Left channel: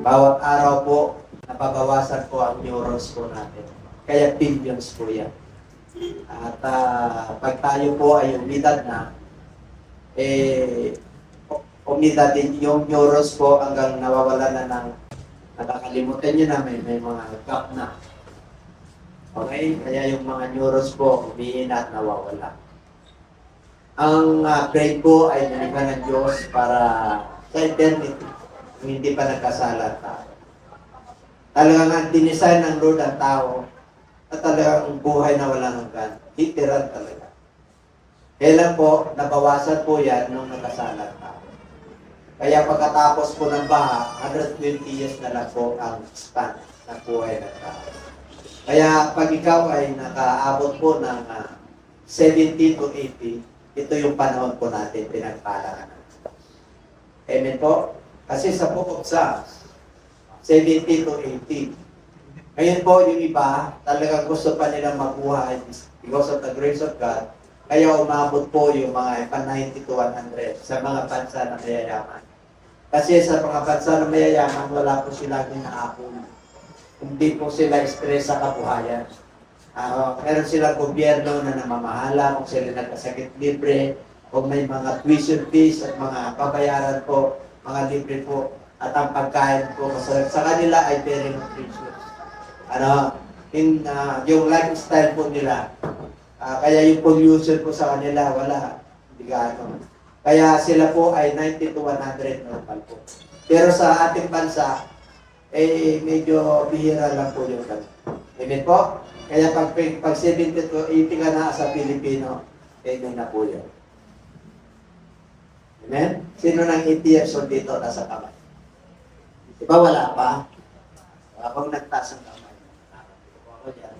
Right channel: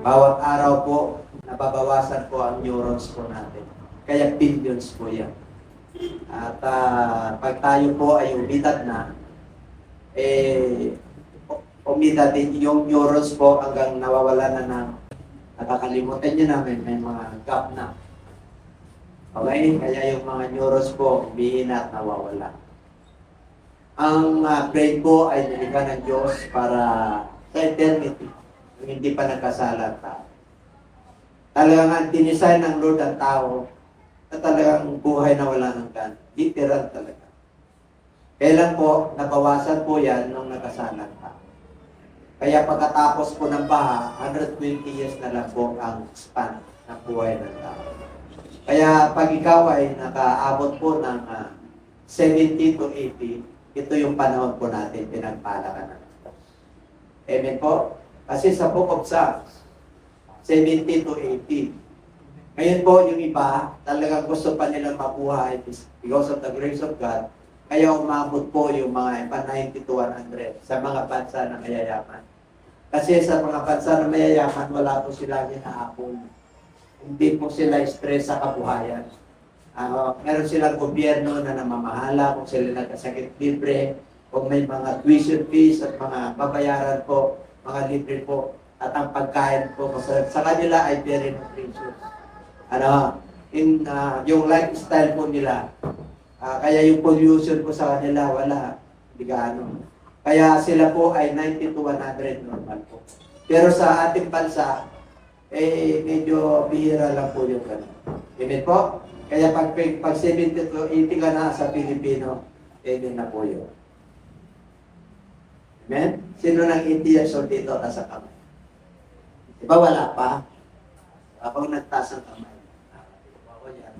Bawat araw po, nababawasan po ang neurons po natin. Kaya billions po yan. At pag tayo po ay umidad na, umidad din yung neurons po hanggang nawawala na ng nakakalimutan nyo namin, may mga gap na. Okay? Kaya yung mga neurons po, umihina at nawawala. Ang brain po ay nilikha ng Diyos para sa eternity, hindi pa nagkasala ang tao. Talagang ang dinisign ng Lord ang tao at talagang buhay na walang hanggan. Literal talaga. Kailan po, nabawasan po yan nung nagkasala ang tao. Kaya pagkatapos po ng baha, 120 years na lang po ang span ng buhay ng tao. Kaya pag ikaw ay nakaabot po ng 70 to 80, ito yung panahon po natin, pinagpala ka na. Amen po? Kasi sa Book of Psalms, 70 to 80. Ngayon po, yung iba, talagang gusto pa nila mabuhay because of the grace of God. Kaya umabot po yung mga 90 to 100 sa mga bansa na mayayaman. Kasi sa mga bansa na mayayaman, wala po silang hinaapon. Hindi po sila stress sa kabuhayan. Meron silang gobyerno na namamahala kung sila nagkasakit libre, kung may mga tuition fees at mga pabayaran po, mga libre po, at ang pagkain po masarap sa kanila ay very nutritious. Yung lifestyle po nila, kaya yung pollution po sa kanila, wala, hindi gaano. Kaya sila po ay 90 to 100 normal po. Pero sa ating bansa, medyo bihira lang po yung gano'n. Amen po? Kaya pag 70 to 80 ka na sa Pilipino, doon na po yun. Amen? Sino nang 80 years old dito nasa kamay? Diba wala pa? Ako nagtaas ang kamay. Ako yan.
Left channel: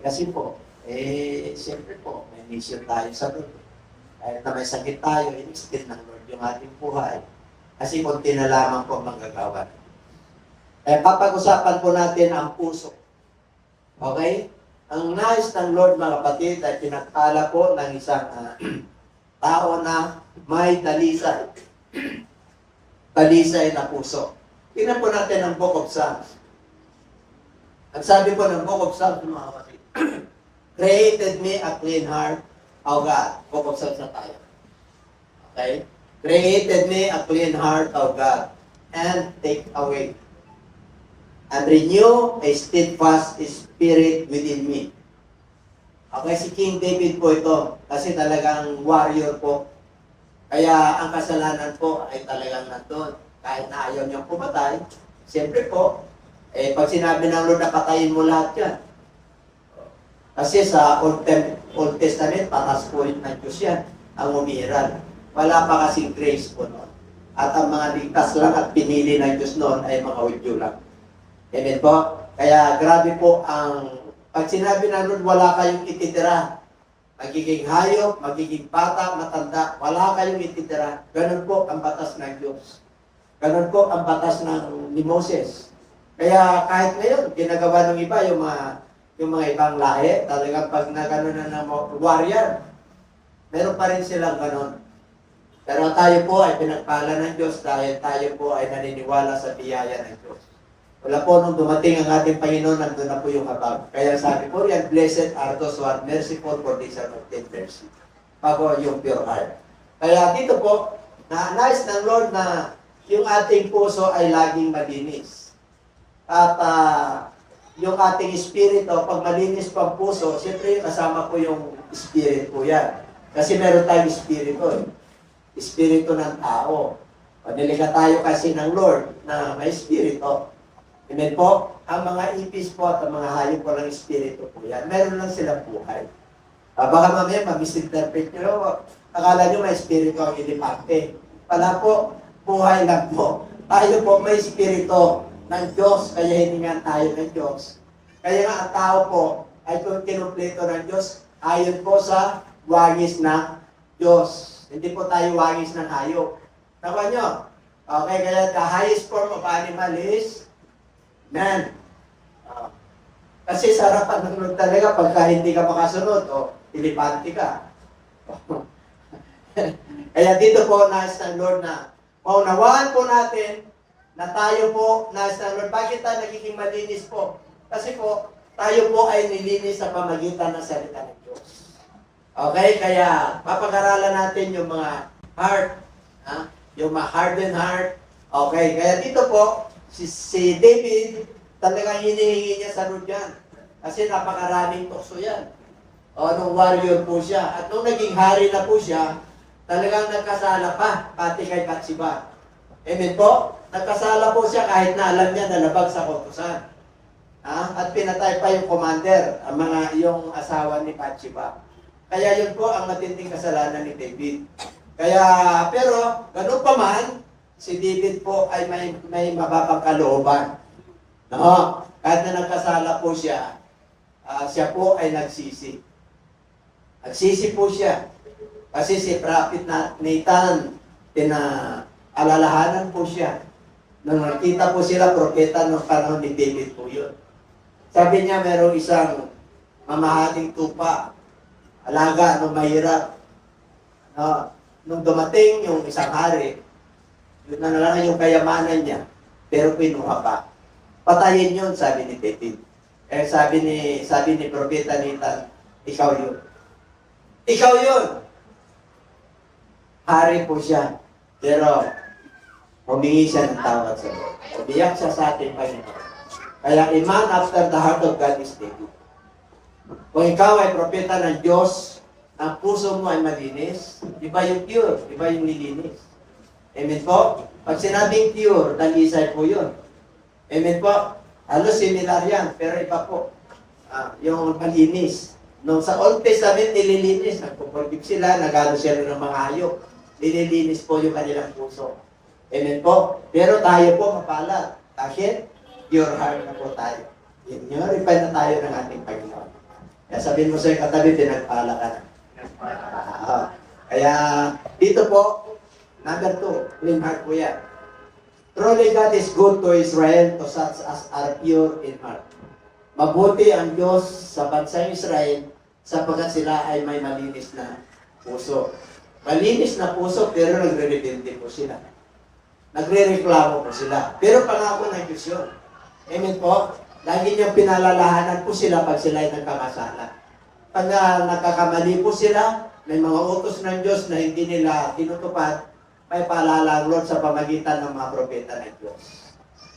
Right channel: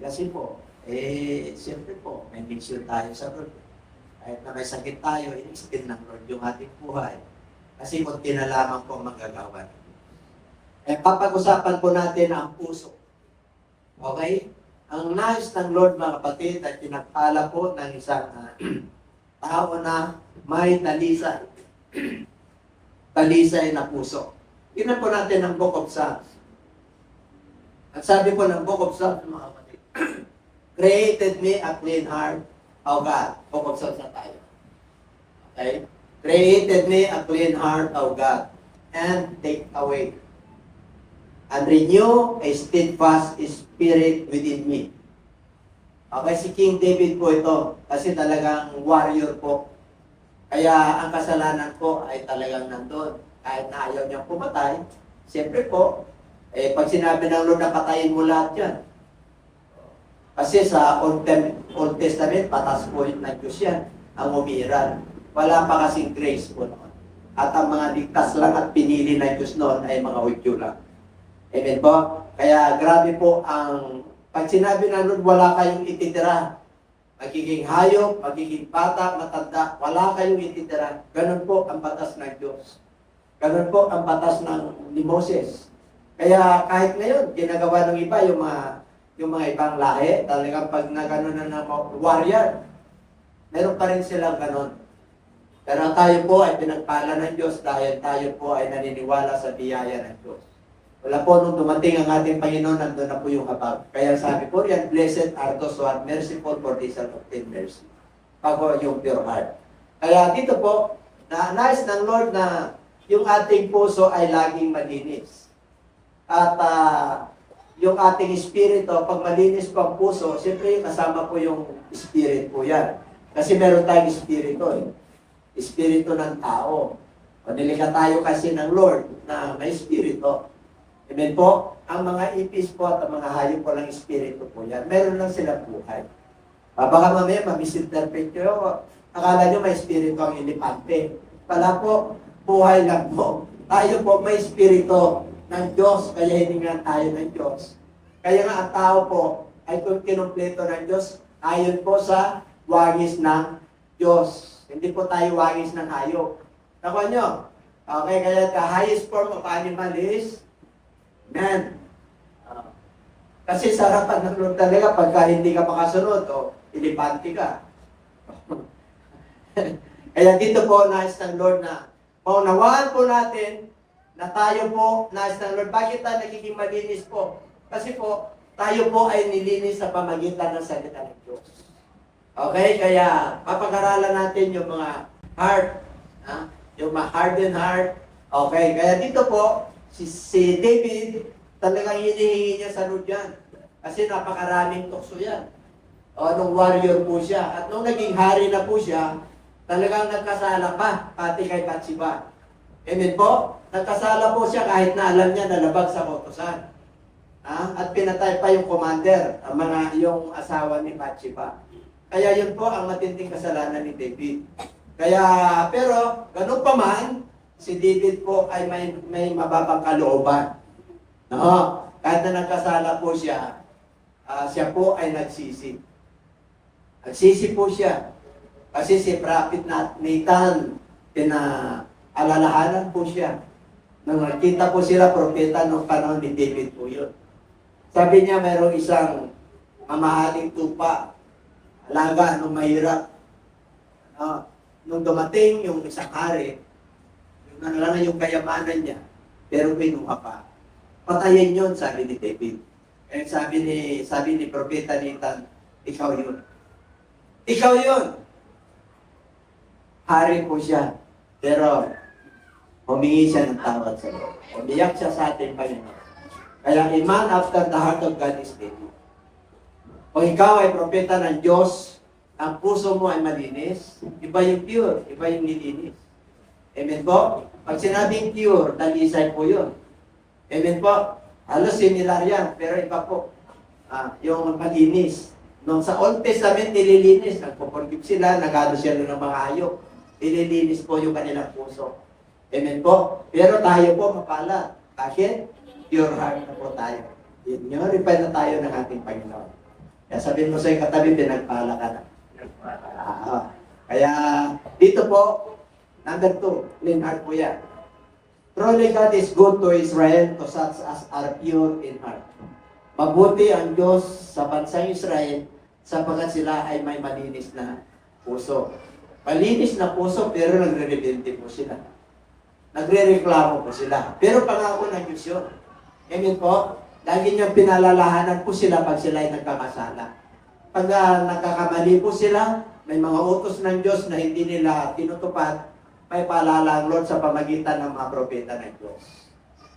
Kasi po, siyempre po, may mission tayo sa Lord. Kahit na may sakit tayo, inistin ng Lord yung ating buhay. Kasi konti na lamang po magagawa. Papag-usapan po natin ang puso. Okay? Ang nais ng Lord, mga kapatid, ay pinagpala po ng isang tao na may talisay. Talisay na puso. Tingnan po natin ang Book of Psalms. At sabi po ng Book of Psalms, mga kapatid, created me a clean heart, O God. Book of Psalms na tayo. Okay? Created me a clean heart, O God, and take away and renew a steadfast spirit within me. Okay, si King David po ito, kasi talagang warrior po. Kaya ang kasalanan po ay talagang nandun. Kahit na ayaw niyang pumatay, siyempre po, pag sinabi ng Lord na patayin mo lahat yan. Kasi sa Old Testament, patas po yun ng Diyos yan, ang umiran. Wala pa kasing grace po noon. At ang mga ligtas lang at pinili ng Diyos noon ay mga Hudyo lang. Amen po? Kaya grabe po ang, pag sinabi ng Lord, wala kayong ititira. Magiging hayop, magiging bata, matanda, wala kayong ititira. Ganun po ang batas ng Diyos. Ganun po ang batas ni Moses. Kaya kahit ngayon, ginagawa ng iba yung mga ibang lahi, talagang pag nagano na ng warrior, meron pa rin silang ganun. Pero tayo po ay pinagpala ng Diyos dahil tayo po ay naniniwala sa biyaya ng Diyos. Wala po nung dumating ang ating Panginoon, nandun na po yung habag. Kaya sabi po yan, blessed are those who are merciful for they shall obtain mercy. Bago yung pure heart. Kaya dito po, nais ng Lord na yung ating puso ay laging malinis. At yung ating espiritu, pag malinis po ang puso, siyempre kasama po yung spirit po yan. Kasi meron tayong espiritu. Espiritu ng tao. O nilikha tayo kasi ng Lord na may espiritu. Amen po? Ang mga ipis po at ang mga hayop po ng espiritu po yan. Meron lang silang buhay. Baka mamaya mag-misinterpret nyo. Akala nyo may espiritu ang elepante. Pala po, buhay lang po. Tayo po may espiritu ng Diyos, kaya hiningan tayo ng Diyos. Kaya nga ang tao po ay kinumpleto ng Diyos ayon po sa wagis ng Diyos. Hindi po tayo wagis ng hayop. Nakuha nyo? Okay, kaya the highest form of animal is man. Kasi sa harapan ng Lord talaga, pagka hindi ka makasunod, elepante ka. Kaya dito po nais ng Lord na Maunawaan po natin na tayo po, nasa Lord, bakit tayo nagiging malinis po? Kasi po, tayo po ay nilinis sa pamagitan ng salita ng Diyos. Okay, kaya papag-aralan natin yung mga heart, yung mga hardened heart. Okay, kaya dito po, si David, talagang hinihingi niya sa Lord yan. Kasi napakaraming tukso yan. Nung warrior po siya. At nung naging hari na po siya, talagang nagkasala pa, pati kay Bathsheba. Amen po? Nagkasala po siya kahit na alam niya na labag sa kautusan. At pinatay pa yung commander, yung asawa ni Bathsheba. Kaya yun po ang matinding kasalanan ni David. Kaya, pero, ganun pa man, si David po ay may mababang kalooban. No? Kahit na nagkasala po siya, siya po ay nagsisi. Nagsisi po siya. Kasi si Prophet Nathan, pinaalalahanan po siya. Nung nakita po sila, propeta ng panahon ni David po yun. Sabi niya, mayroong isang mamahaling tupa, alaga nung mahirap. Nung dumating yung isang hari, yun na lang yung kayamanan niya, pero pinuha pa. Patayin yun, sabi ni David. Eh sabi ni propeta Nathan, ikaw yun. Ikaw yun. Hari po siya, pero humingi siya ng tawad sa Lord. Umiyak siya sa ating Panginoon. Kaya a man after the heart of God is David. Kung ikaw ay propeta ng Diyos, ang puso mo ay malinis, iba yung pure, iba yung nilinis. Amen po? Pag sinabing pure, dalisay po yun. Amen po? Halos similar yan, pero iba po. Yung malinis. Nung sa Old Testament, nililinis. Nagpo-forgive sila, nagalo sila ng mga hayop. Nililinis po yung kanilang puso. Amen po? Pero tayo po mapalad. Bakit? Pure heart na po tayo. Repent na tayo ng ating Panginoon. Kaya sabihin mo sa katabi, pinagpala ka na. Kaya dito po, number 2, clean heart po yan. Truly God is good to Israel, to such as are pure in heart. Mabuti ang Diyos sa bansang Israel, sapagkat sila ay may malinis na puso. Malinis na puso, pero nagre-rebelde po sila. Nagre-reklamo po sila. Pero pangako ng Diyos yun. Amen po? Lagi niyang pinalalahanan po sila pag sila ay nagkakasala. Pag nagkakamali po sila, may mga utos ng Diyos na hindi nila tinutupad, may paalala ang Lord sa pamagitan ng mga propeta ng Diyos.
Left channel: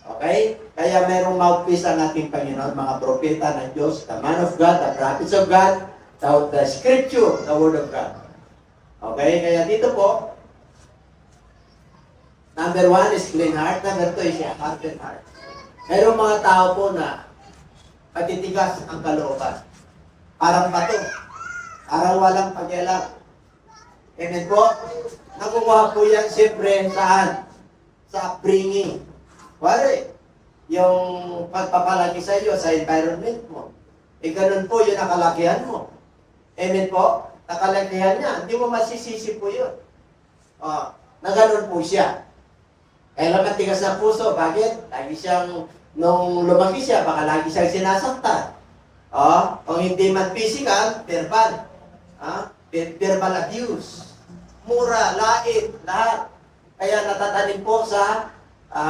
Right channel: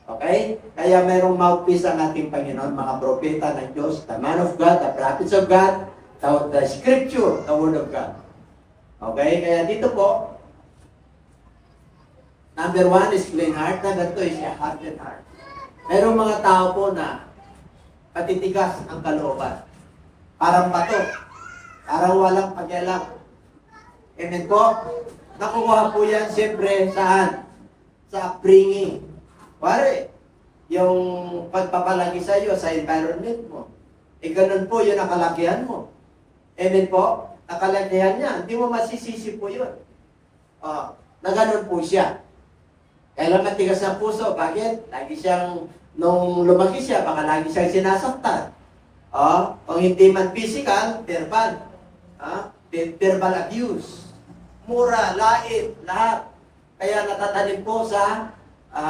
Okay? Kaya merong mouthpiece ang ating Panginoon, mga propeta ng Diyos, the man of God, the prophets of God, the scripture, the word of God. Okay? Kaya dito po, number 1 is clean heart, number 2 is hardened heart. Merong mga tao po na patitigas ang kalooban. Parang bato. Parang walang pakialam. Amen po? Nakukuha po yan siyempre saan? Sa upbringing. Wari, yung pagpapalagi sa iyo sa environment mo. Ganun po yung nakalakihan mo. Amen po? Nakalakihan niya. Hindi mo masisisi po yun. Na ganun po siya. Kailan matigas ng puso? Bakit? Lagi siyang, nung lumaki siya, baka lagi siyang sinasaktan. Kung hindi man physical, verbal. Verbal abuse. Mura, lait, lahat. Kaya natatanim po sa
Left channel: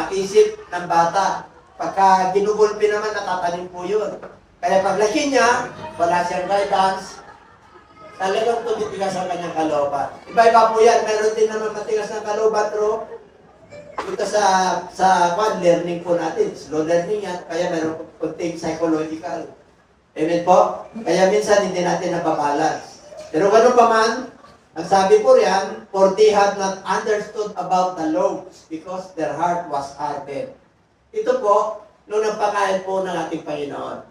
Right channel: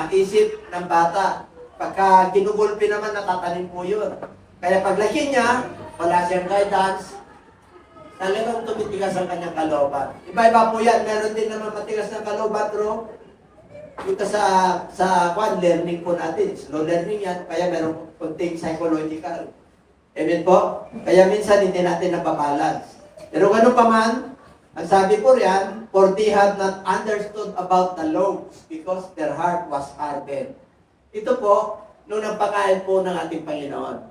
isip ng bata. Pagka ginugulpi naman, natatanim po yun. Kaya paglaki niya, wala siyang guidance, talagang tumitigas ang kanyang kalooban. Iba-iba po yan. Meron din naman matigas ng kalooban, pero dito sa learning po natin. Slow learning yan, kaya meron kunting psychological. Amen po? Kaya minsan hindi natin nababalance. Pero gano'n pa man, ang sabi po riyan, for they have not understood about the laws because their heart was hardened. Ito po, nung nagpakain po ng ating Panginoon,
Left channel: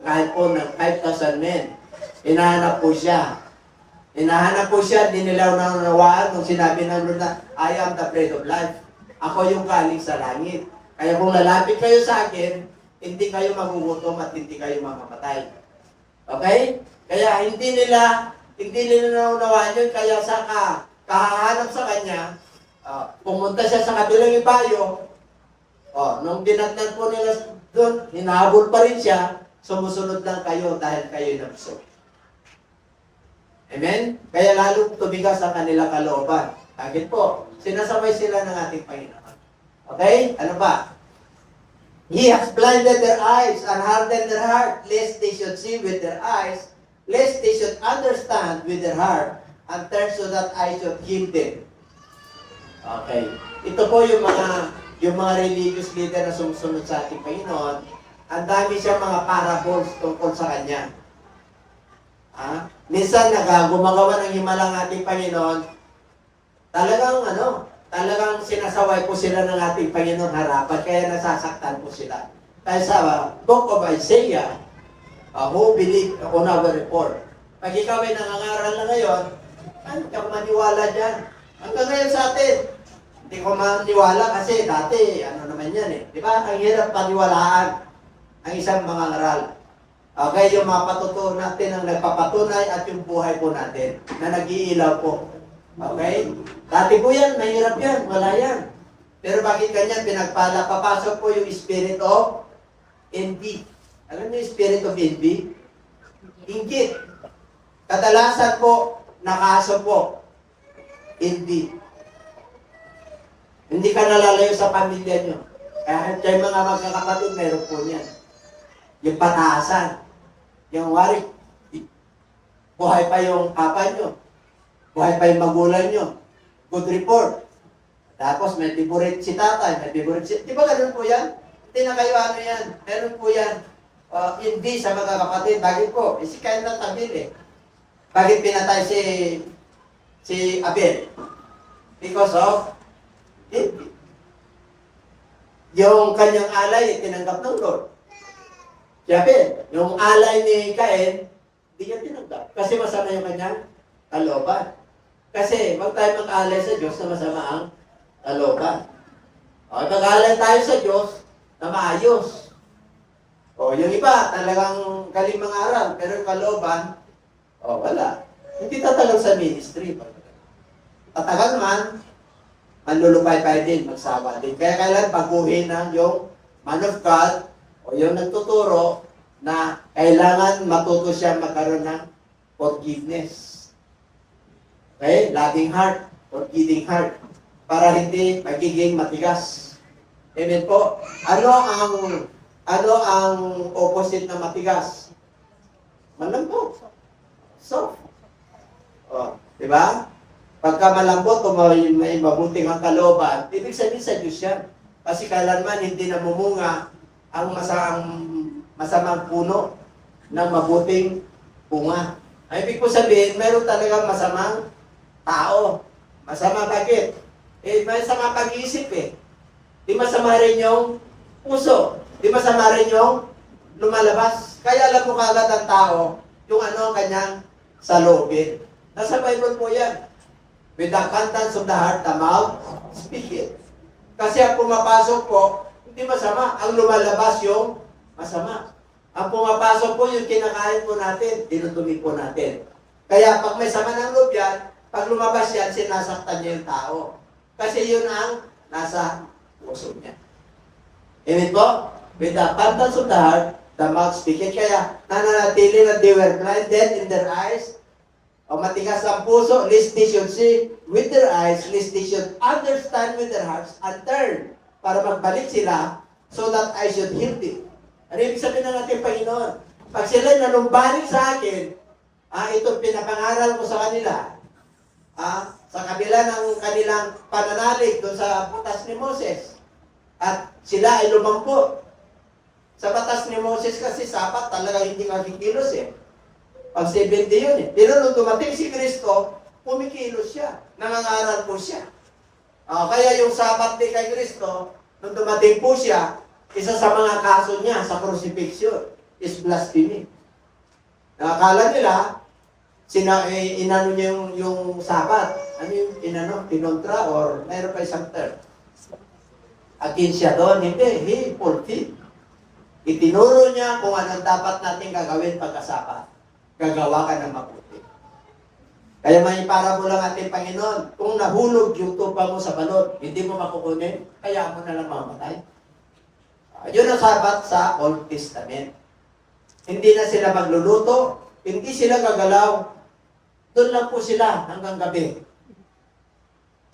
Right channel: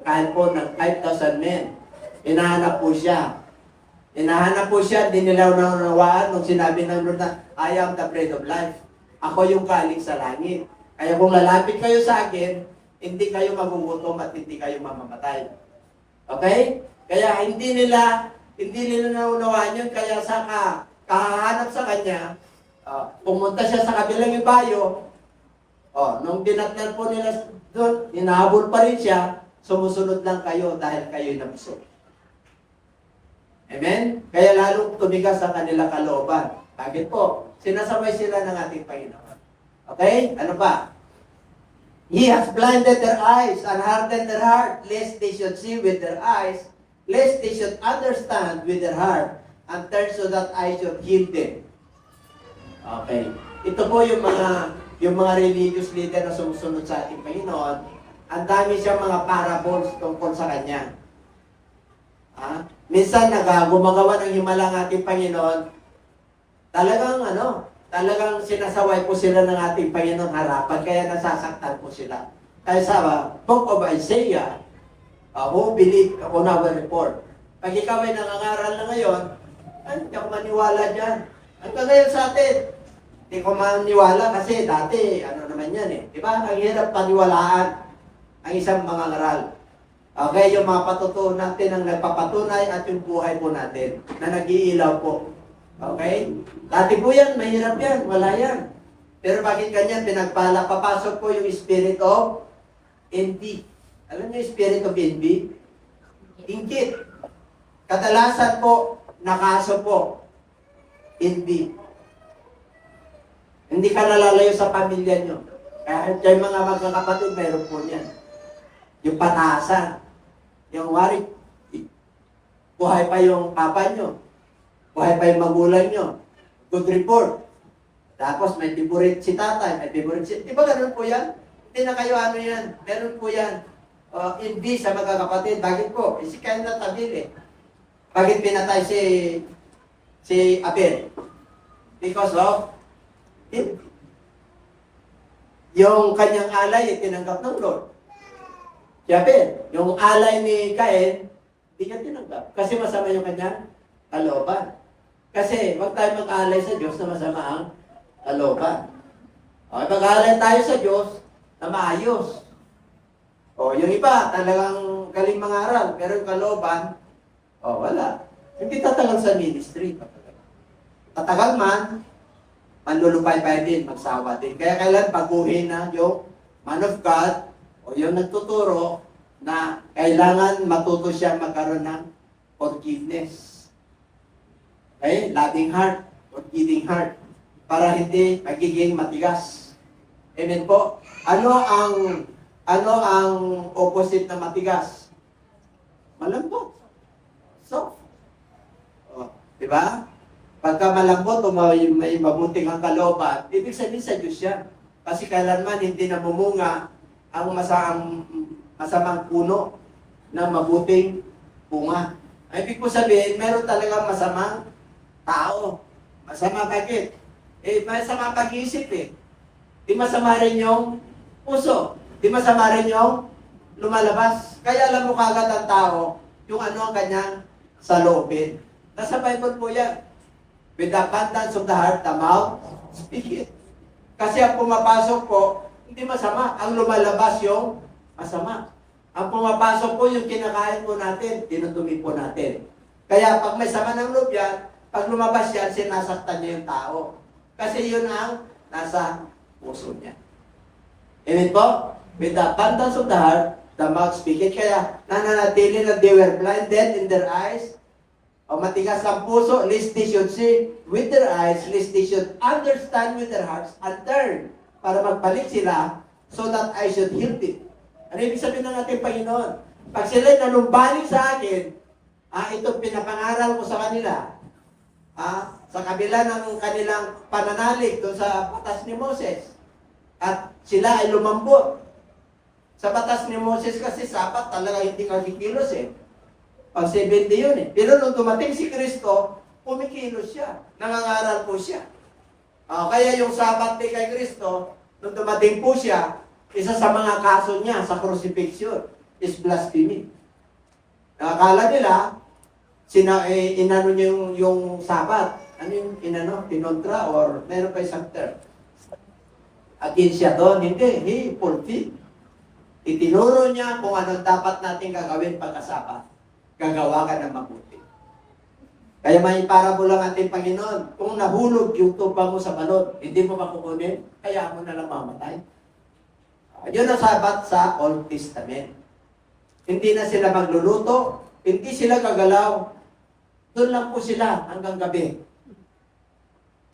kain po ng 5,000 men, hinahanap po siya. Hinahanap po siya, di nila nanunawaan nung sinabi ng Lord na, I am the bread of life. Ako yung kaling sa langit. Kaya kung lalapit kayo sa akin, hindi kayo magugutom at hindi kayo mamamatay. Okay? Kaya hindi nila naunawaan yun. Kaya sa kahahanap sa kanya, pumunta siya sa kabilang ibayo. Nung binatnan po nila doon, hinahabol pa rin siya, sumusunod lang kayo dahil kayo'y nabusog. Amen? Kaya lalo tumigas ang kanilang kalooban. Agad po. Sinasaway sila ng ating Panginoon. Okay? Ano pa? He has blinded their eyes and hardened their heart, lest they should see with their eyes, lest they should understand with their heart, and turn so that I should heal them. Okay. Ito po yung mga religious leader na sumusunod sa ating Panginoon. Ang dami siyang mga parables tungkol sa Kanya. Minsan gumagawa ng himala ng ating Panginoon, talagang sinasaway po sila ng ating Panginoon harapan, kaya nasasaktan po sila. Kaya sa Book of Isaiah, who believe on our report. Pag ikaw ay nangangaral na ngayon, hindi ako maniwala dyan. Hanggang ngayon sa atin, hindi ko maniwala kasi dati, naman yan eh. Di ba? Ang hirap paniwalaan ang isang mangangaral. Okay, yung mga patutunan natin ang nagpapatunay at yung buhay po natin na nag-iilaw po. Okay? Dati po yan, mahirap yan, wala yan. Pero bakit ganyan? Pinagpala, papasok po yung spirit of envy. Alam niyo yung spirit of envy? Inggit. Kadalasan po, nakaso po, envy. Hindi ka nalalayo sa pamilya nyo. Kahit kayo mga magkakapatid, mayroon po yan. Yung pataasan. Yung wari, buhay pa yung papa nyo. Buhay pa yung magulang nyo. Good report. Tapos may favorite si tatay, may favorite si... Di ba ganun po yan? Hindi na kayo yan. Meron po yan. Hindi sa mga kapatid. Bakit po? Si Cain at Abel eh. Bakit pinatay si Abel? Because of envy. Yung kanyang alay, tinanggap ng Lord. Si Abel, yung alay ni Cain, hindi niya tinanggap. Kasi masama yung kanyang kalooban. Kasi huwag tayo mag-alay sa Diyos na masama ang kalooban. Mag-alay tayo sa Diyos na maayos. Yung iba, talagang galing mangaral, pero yung kalooban, wala. Hindi tatagal sa ministry. Tatagal man, manlulupay-pay din, magsawa din. Kaya kailan baguhin na yung man of God o yung nagtuturo na kailangan matuto siya magkaroon ng forgiveness. Okay? Loving heart, forgiving heart, para hindi magiging matigas. Amen po. Ano ang opposite na matigas? Malambot. Soft. Di ba? Pagka malambot o may mabuting ang kalooban, ibig sabihin sa Diyos yan. Kasi kailanman hindi namumunga ang masamang puno ng mabuting bunga. Ay, ibig ko sabihin, meron talagang masamang tao. Masama bakit? May sama pag-iisip eh. Di masama rin yung puso. Di masama rin yung lumalabas. Kaya alam mo kagad ang tao yung ang kanyang saloobin. Nasa Bible po yan. With the abundance of the heart, the mouth speaketh. Kasi ang pumapasok po, hindi masama. Ang lumalabas yung masama. Ang pumapasok po yung kinakain po natin, tinutumi po natin. Kaya pag may sama ng loob yan, pag lumabas yan, sinasaktan niya yung tao. Kasi yun ang nasa puso niya. Amen po? With the abundance of the heart, the mouth speaketh. Kaya nananatili na they were blinded in their eyes, o matigas ang puso, lest they should see with their eyes, lest they should understand with their hearts, and turn, para magbalik sila, so that I should heal them. Ano ibig sabihin ng ating Panginoon? Pag sila'y nanumbalik sa akin, itong pinapangaral ko sa kanila, sa kabila ng kanilang pananalig doon sa batas ni Moses, at sila ay lumambot. Sa batas ni Moses kasi sapat talaga hindi kakikilos eh. Pag 70 yun eh. Pero nung dumating si Kristo, kumikilos siya. Nangangaral po siya. Kaya yung sabat ni kay Kristo, nung dumating po siya, isa sa mga kaso niya sa crucifixion is blasphemy. Nakakala nila, inano niya yung sabat. Ano yung tinontra or mayroon pa isang term? Against siya doon. Hindi, he fulfilled. Itinuro niya kung anong dapat natin gagawin pagkasabat. Gagawa ka ng mabuti. Kaya may parabol ang ating Panginoon. Kung nahulog yung tupa mo sa balon, hindi mo makukunin, kaya mo na lang mamatay. Yun ang sabat sa Old Testament. Hindi na sila magluluto, hindi sila gagalaw. Doon lang po sila hanggang gabi.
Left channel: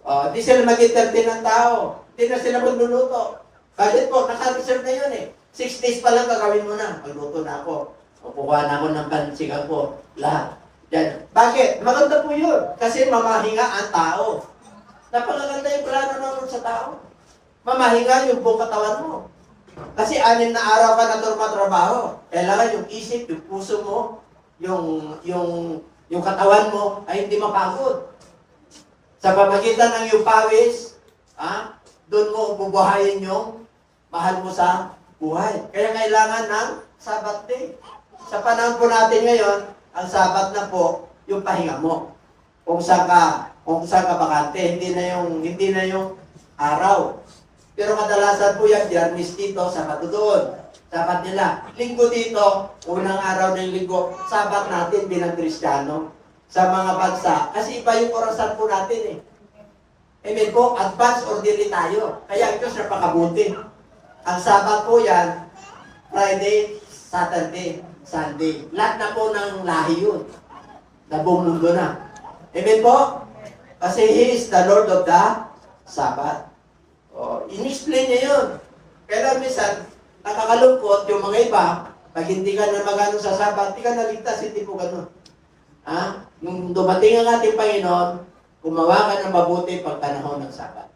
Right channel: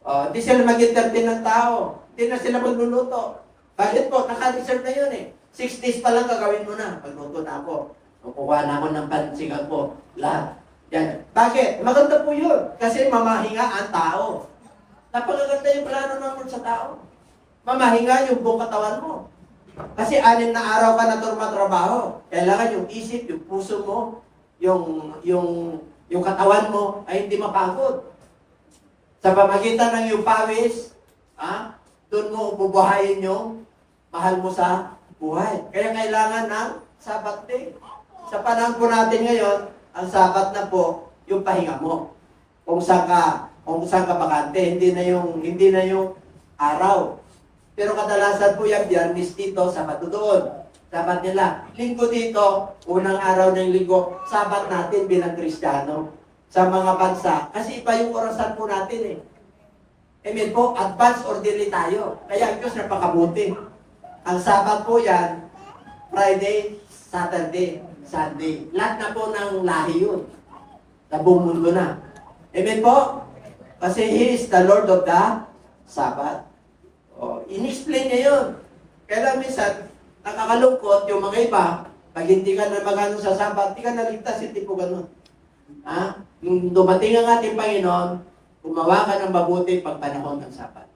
Di sila mag-entertain ng tao. Di na sila magluluto. Bakit po? Naka-reserve na yun eh. 6 days pa lang gagawin mo na. Magluto na ako. Kukuha na ako ng pansigang ko. Lahat. Yan. Bakit? Maganda po yun. Kasi mamahinga ang tao. Napakaganda yung plano naman sa tao. Mamahinga yung buong katawan mo. Kasi 6 na araw ka na trabaho. Kailangan yung isip, yung puso mo, yung katawan mo ay hindi mapagod. Sa pamagitan ng yung pawis, doon mo bubuhayin yung mahal mo sa buhay. Kaya kailangan ng Sabbath day. Sa panahon po natin ngayon, ang Sabbath na po, yung pahinga mo. Kung saan ka bakante, hindi na yung araw. Pero kadalasan po yan, Biyernes dito, Sabado doon. Sabat nila, Linggo dito, unang araw ng Linggo, Sabat natin bilang Kristiyano sa mga bansa. Kasi iba yung orasan po natin eh. Amen po, advance or delay tayo. Kaya ang Diyos napakabuti. Ang Sabat po yan, Friday, Saturday, Sunday. Lahat na po ng lahi yun. Na buong mundo na. Amen po? Kasi He is the Lord of the Sabbath. In-explain niya yun. Kaya minsan, nakakalungkot yung mga iba, pag hindi ka na magano sa Sabbath, hindi ka naligtas, hindi po gano'n. Nung dumating ang ating Panginoon, gumawa ka ng mabuti pag panahon ng Sabbath.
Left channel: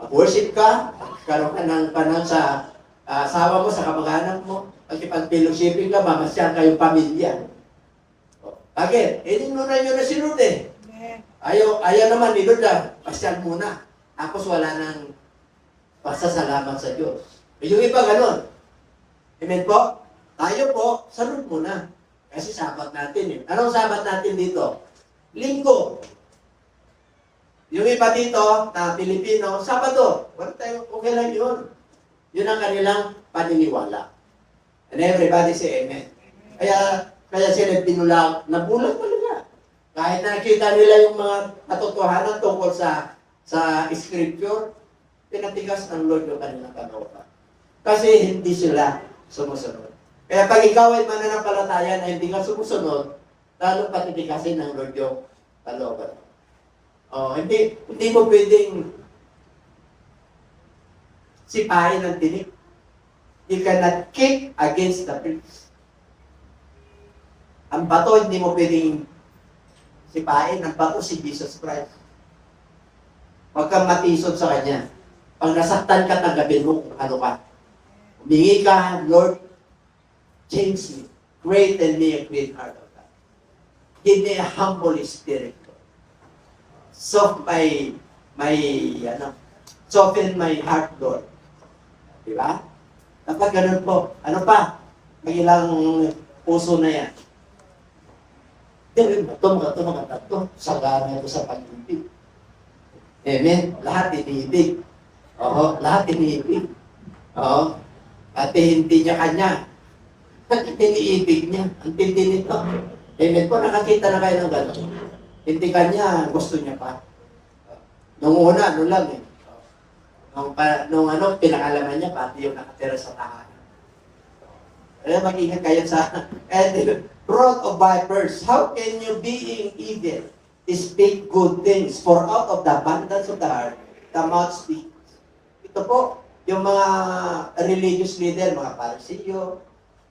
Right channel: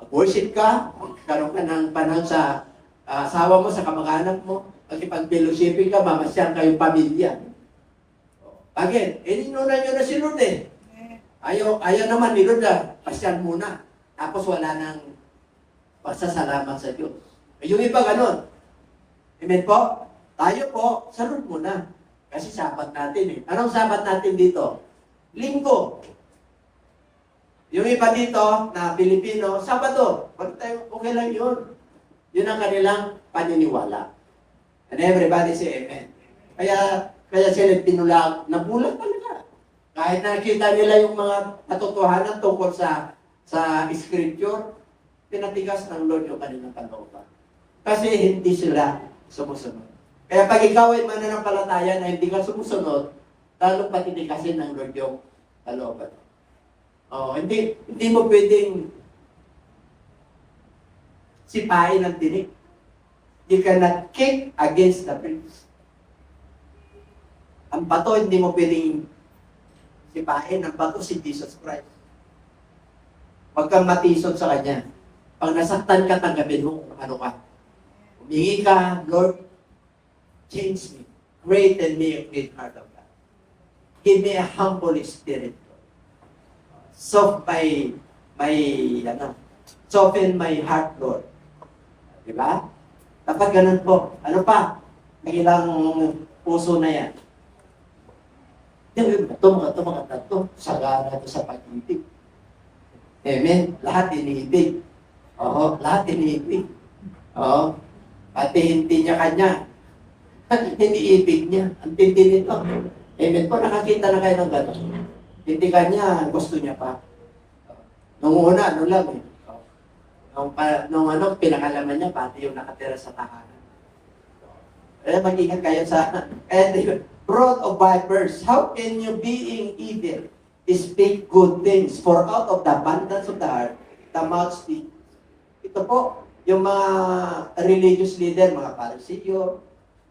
Mag-worship ka, magkaroon ka ng panahon sa asawa mo, sa kamag-anak mo, pag-fellowshipping ka, mamasyan kayong pamilya. Bakit? Inunan nyo na si Lord eh. Ayaw naman ni Lord pasyan muna. Tapos wala nang pasasalamat sa Diyos. Yung iba ganun. Amen po? Tayo po, salud muna. Kasi Sabat natin eh. Anong Sabat natin dito? Linggo. Yung iba dito na Pilipino, Sabado. Okay lang yun. Yun ang kanilang paniniwala. And everybody say amen. Kaya sila pinulang, nabulag talaga. Kahit nakita nila yung mga katotohanan tungkol sa scripture, pinatigas ang Lord yung kanilang kalooban. Kasi hindi sila sumusunod. Kaya pag ikaw ay mananampalataya na hindi ka sumusunod, lalong patitikasin ng Lord yung kalooban. Hindi mo pwedeng sipain ang tinik. You cannot kick against the pricks. Ang bato, hindi mo pwedeng sipain. Ang bato si Jesus Christ. Huwag kang matisod sa Kanya. Pag nasaktan ka, tanggapin mo kung ano ka. Humingi ka, Lord, change me. Create in me a clean heart of God. Give me a humble spirit. Soften my heart, Lord. Diba? Dapat ganun po. Ano pa? Ang ilang puso na yan. Ito maganda ito. Sagana ito sa pag-ibig. Amen? Lahat iniibig. Lahat iniibig. Pati hindi niya kanya. Iniibig niya. Ang tindi nito. Amen po, nakakita na kayo ng gano'n. Hindi kanya, gusto niya pa. Nung una, ano lang eh. Nung pinakalaman niya, pati yung nakatira sa tahanan. Kaya mag-ingat kayo sa... Brood of vipers, how can you being evil speak good things? For out of the abundance of the heart, the mouth speaks. Ito po, yung mga religious leader, mga Parisiyo,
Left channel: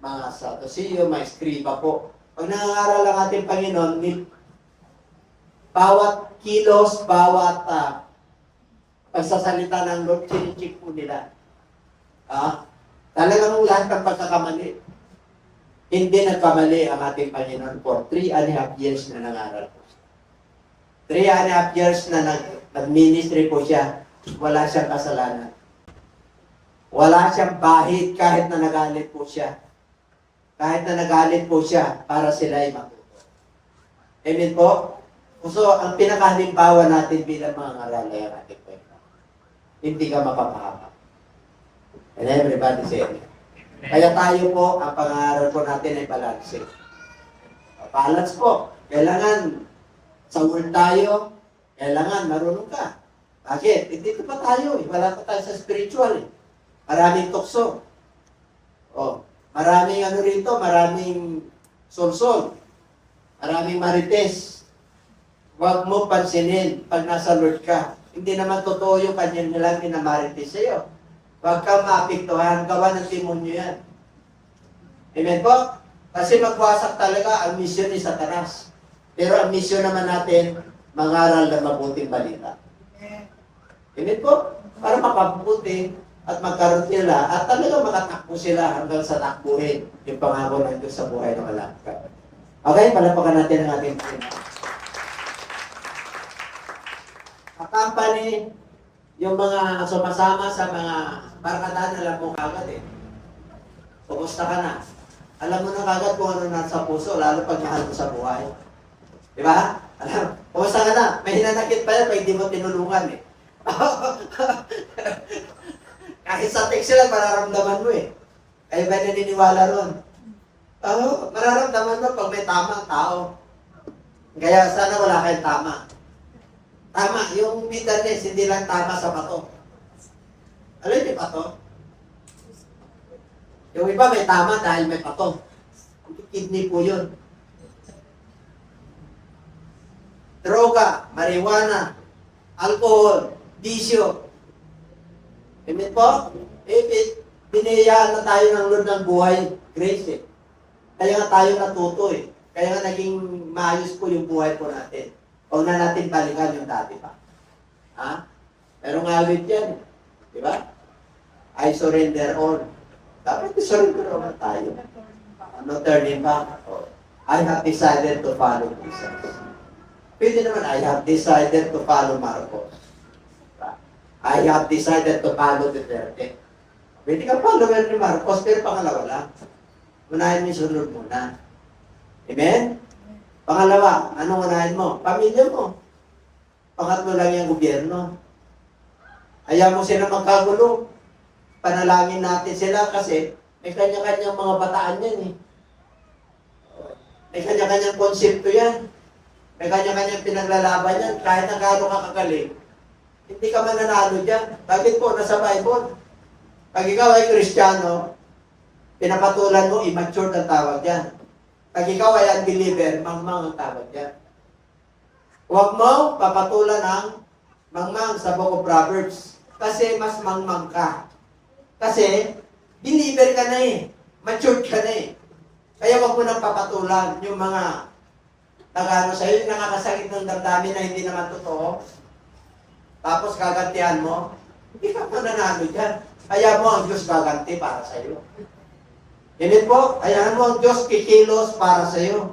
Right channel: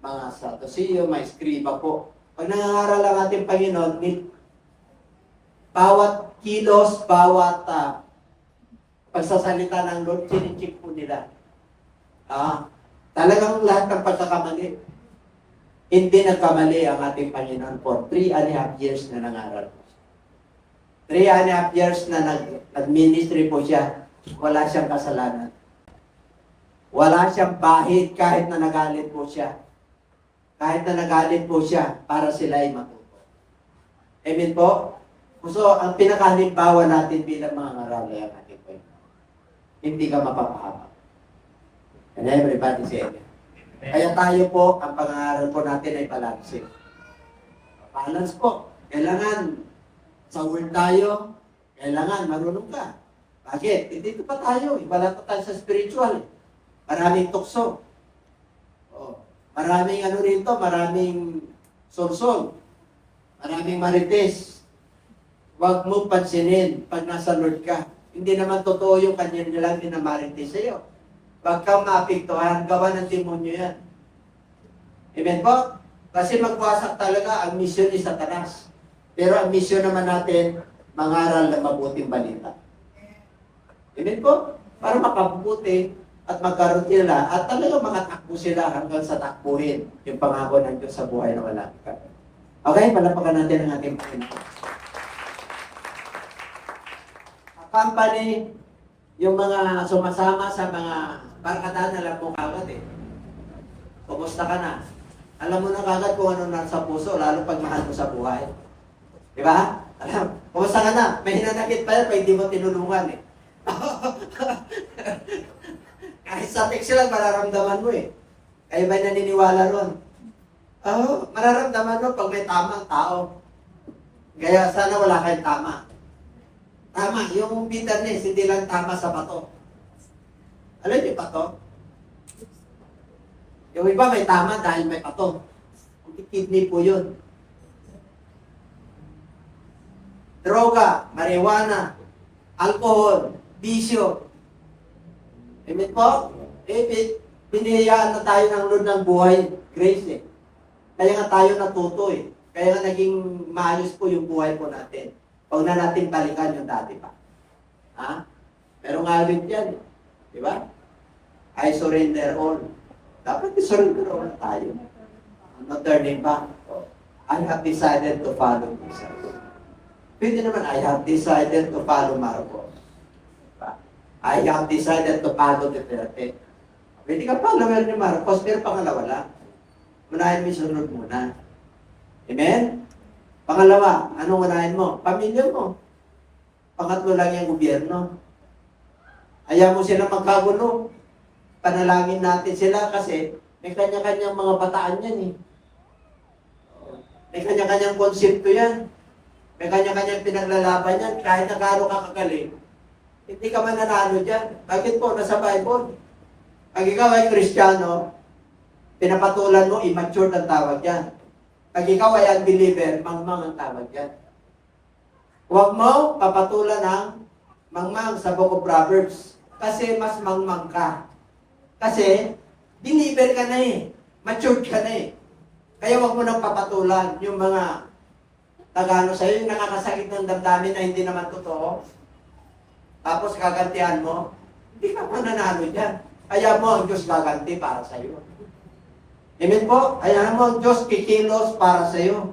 mga Sadduceo, mga Escriba po. Pag nangangaral ang ating Panginoon, bawat kilos, bawat pagsasalita ng Lord, chinichik po nila. Talagang lahat ng pagkakamali. Hindi nagkamali ang ating Panginoon for 3.5 years na nangaral po siya. 3.5 years na nag-ministry po siya, wala siyang kasalanan. Wala siyang bahid kahit na nagalit po siya. Kahit na nagalit po siya para sila ay matuto. Amen po? So, ang pinakahalimbawa natin bilang mga ngaral ay ang ating Panginoon. Hindi ka mapapahamak. And everybody say amen. Kaya tayo po, ang pangaral po natin ay balance. Balance po. Kailangan sa word tayo, kailangan marunong ka. Bakit? Dito pa tayo. Wala pa tayo sa spiritual. Maraming tukso. Maraming rito, maraming solsol. Maraming marites. Huwag mo pansinin pag nasa Lord ka. Hindi naman totoo yung kanya nilang minamarites sa'yo. Huwag kang maapektuhan, gawa ng demonyo yan. Amen po? Kasi magwasak talaga ang misyon ni Satanas. Pero ang misyon naman natin, mangaral ng mabuting balita. Amen po? Para makabuti at magkaroon sila at talaga makatakbo sila hanggang sa takbuhin yung pangako ng Diyos sa buhay na wala. Okay, palapakan natin ang ating Panginoon. Company, yung mga sumasama sa mga barkadahan, alam mo kagad eh. Kumusta ka na? Alam mo na kagad kung ano nasa puso, lalo pag mahal mo sa buhay. Di ba? Alam, kumusta ka na? May hinanakit pa yan pag hindi mo tinulungan eh. Kahit sa text lang, mararamdaman mo eh. Kayo ba'y naniniwala ron? Mararamdaman mo pag may tamang tao. Kaya sana wala kayong tama. Tama, yung bitterness, hindi lang tama sa bato. Alam niyo bato? Yung iba may tama dahil may bato. Kidney po yun. Droga, marijuana, alcohol, bisyo. Amen po? Biniyayaan na tayo ng Lord ng buhay, grace eh. Kaya nga tayo natuto eh. Kaya nga naging maayos po yung buhay po natin. Huwag na natin balikan yung dati pa. Ha? Pero ngawit yan. Di ba? I surrender all. Dapat i-surrender all na tayo. No turning back. I have decided to follow Jesus. Pwede naman, I have decided to follow Marcos. I have decided to follow Duterte. Pwede ka follower ni Marcos, pero pangalawa lang. Unahin mo sunod muna. Amen? Pangalawa, anong unahin mo? Pamilya mo. Pangatlo lang yung gobyerno. Ayaw mo sila magkagulo. Panalangin natin sila kasi may kanya-kanyang mga bataan yan eh. May kanya-kanyang konsepto yan. May kanya-kanyang pinaglalaban yan. Kahit na gano'n ka kagaling, hindi ka mananalo dyan. Bakit po? Nasa Bible. Pag ikaw ay Kristiyano, pinapatulan mo, immature ang tawag yan. Pag ikaw ay unbeliever, mangmang ang tawag yan. Huwag mo papatulan ng mangmang sa Book of Proverbs. Kasi mas mangmang ka. Kasi, believer ka na eh. Matured ka na eh. Kaya huwag mo nang papatulan yung mga tagano sa'yo, yung nakakasakit ng damdamin na hindi naman totoo. Tapos kagantihan mo, hindi ka mananalo dyan. Kaya mo ang Diyos gaganti para sa'yo. Amen po, ayahan mo ang Diyos kikilos para sa iyo.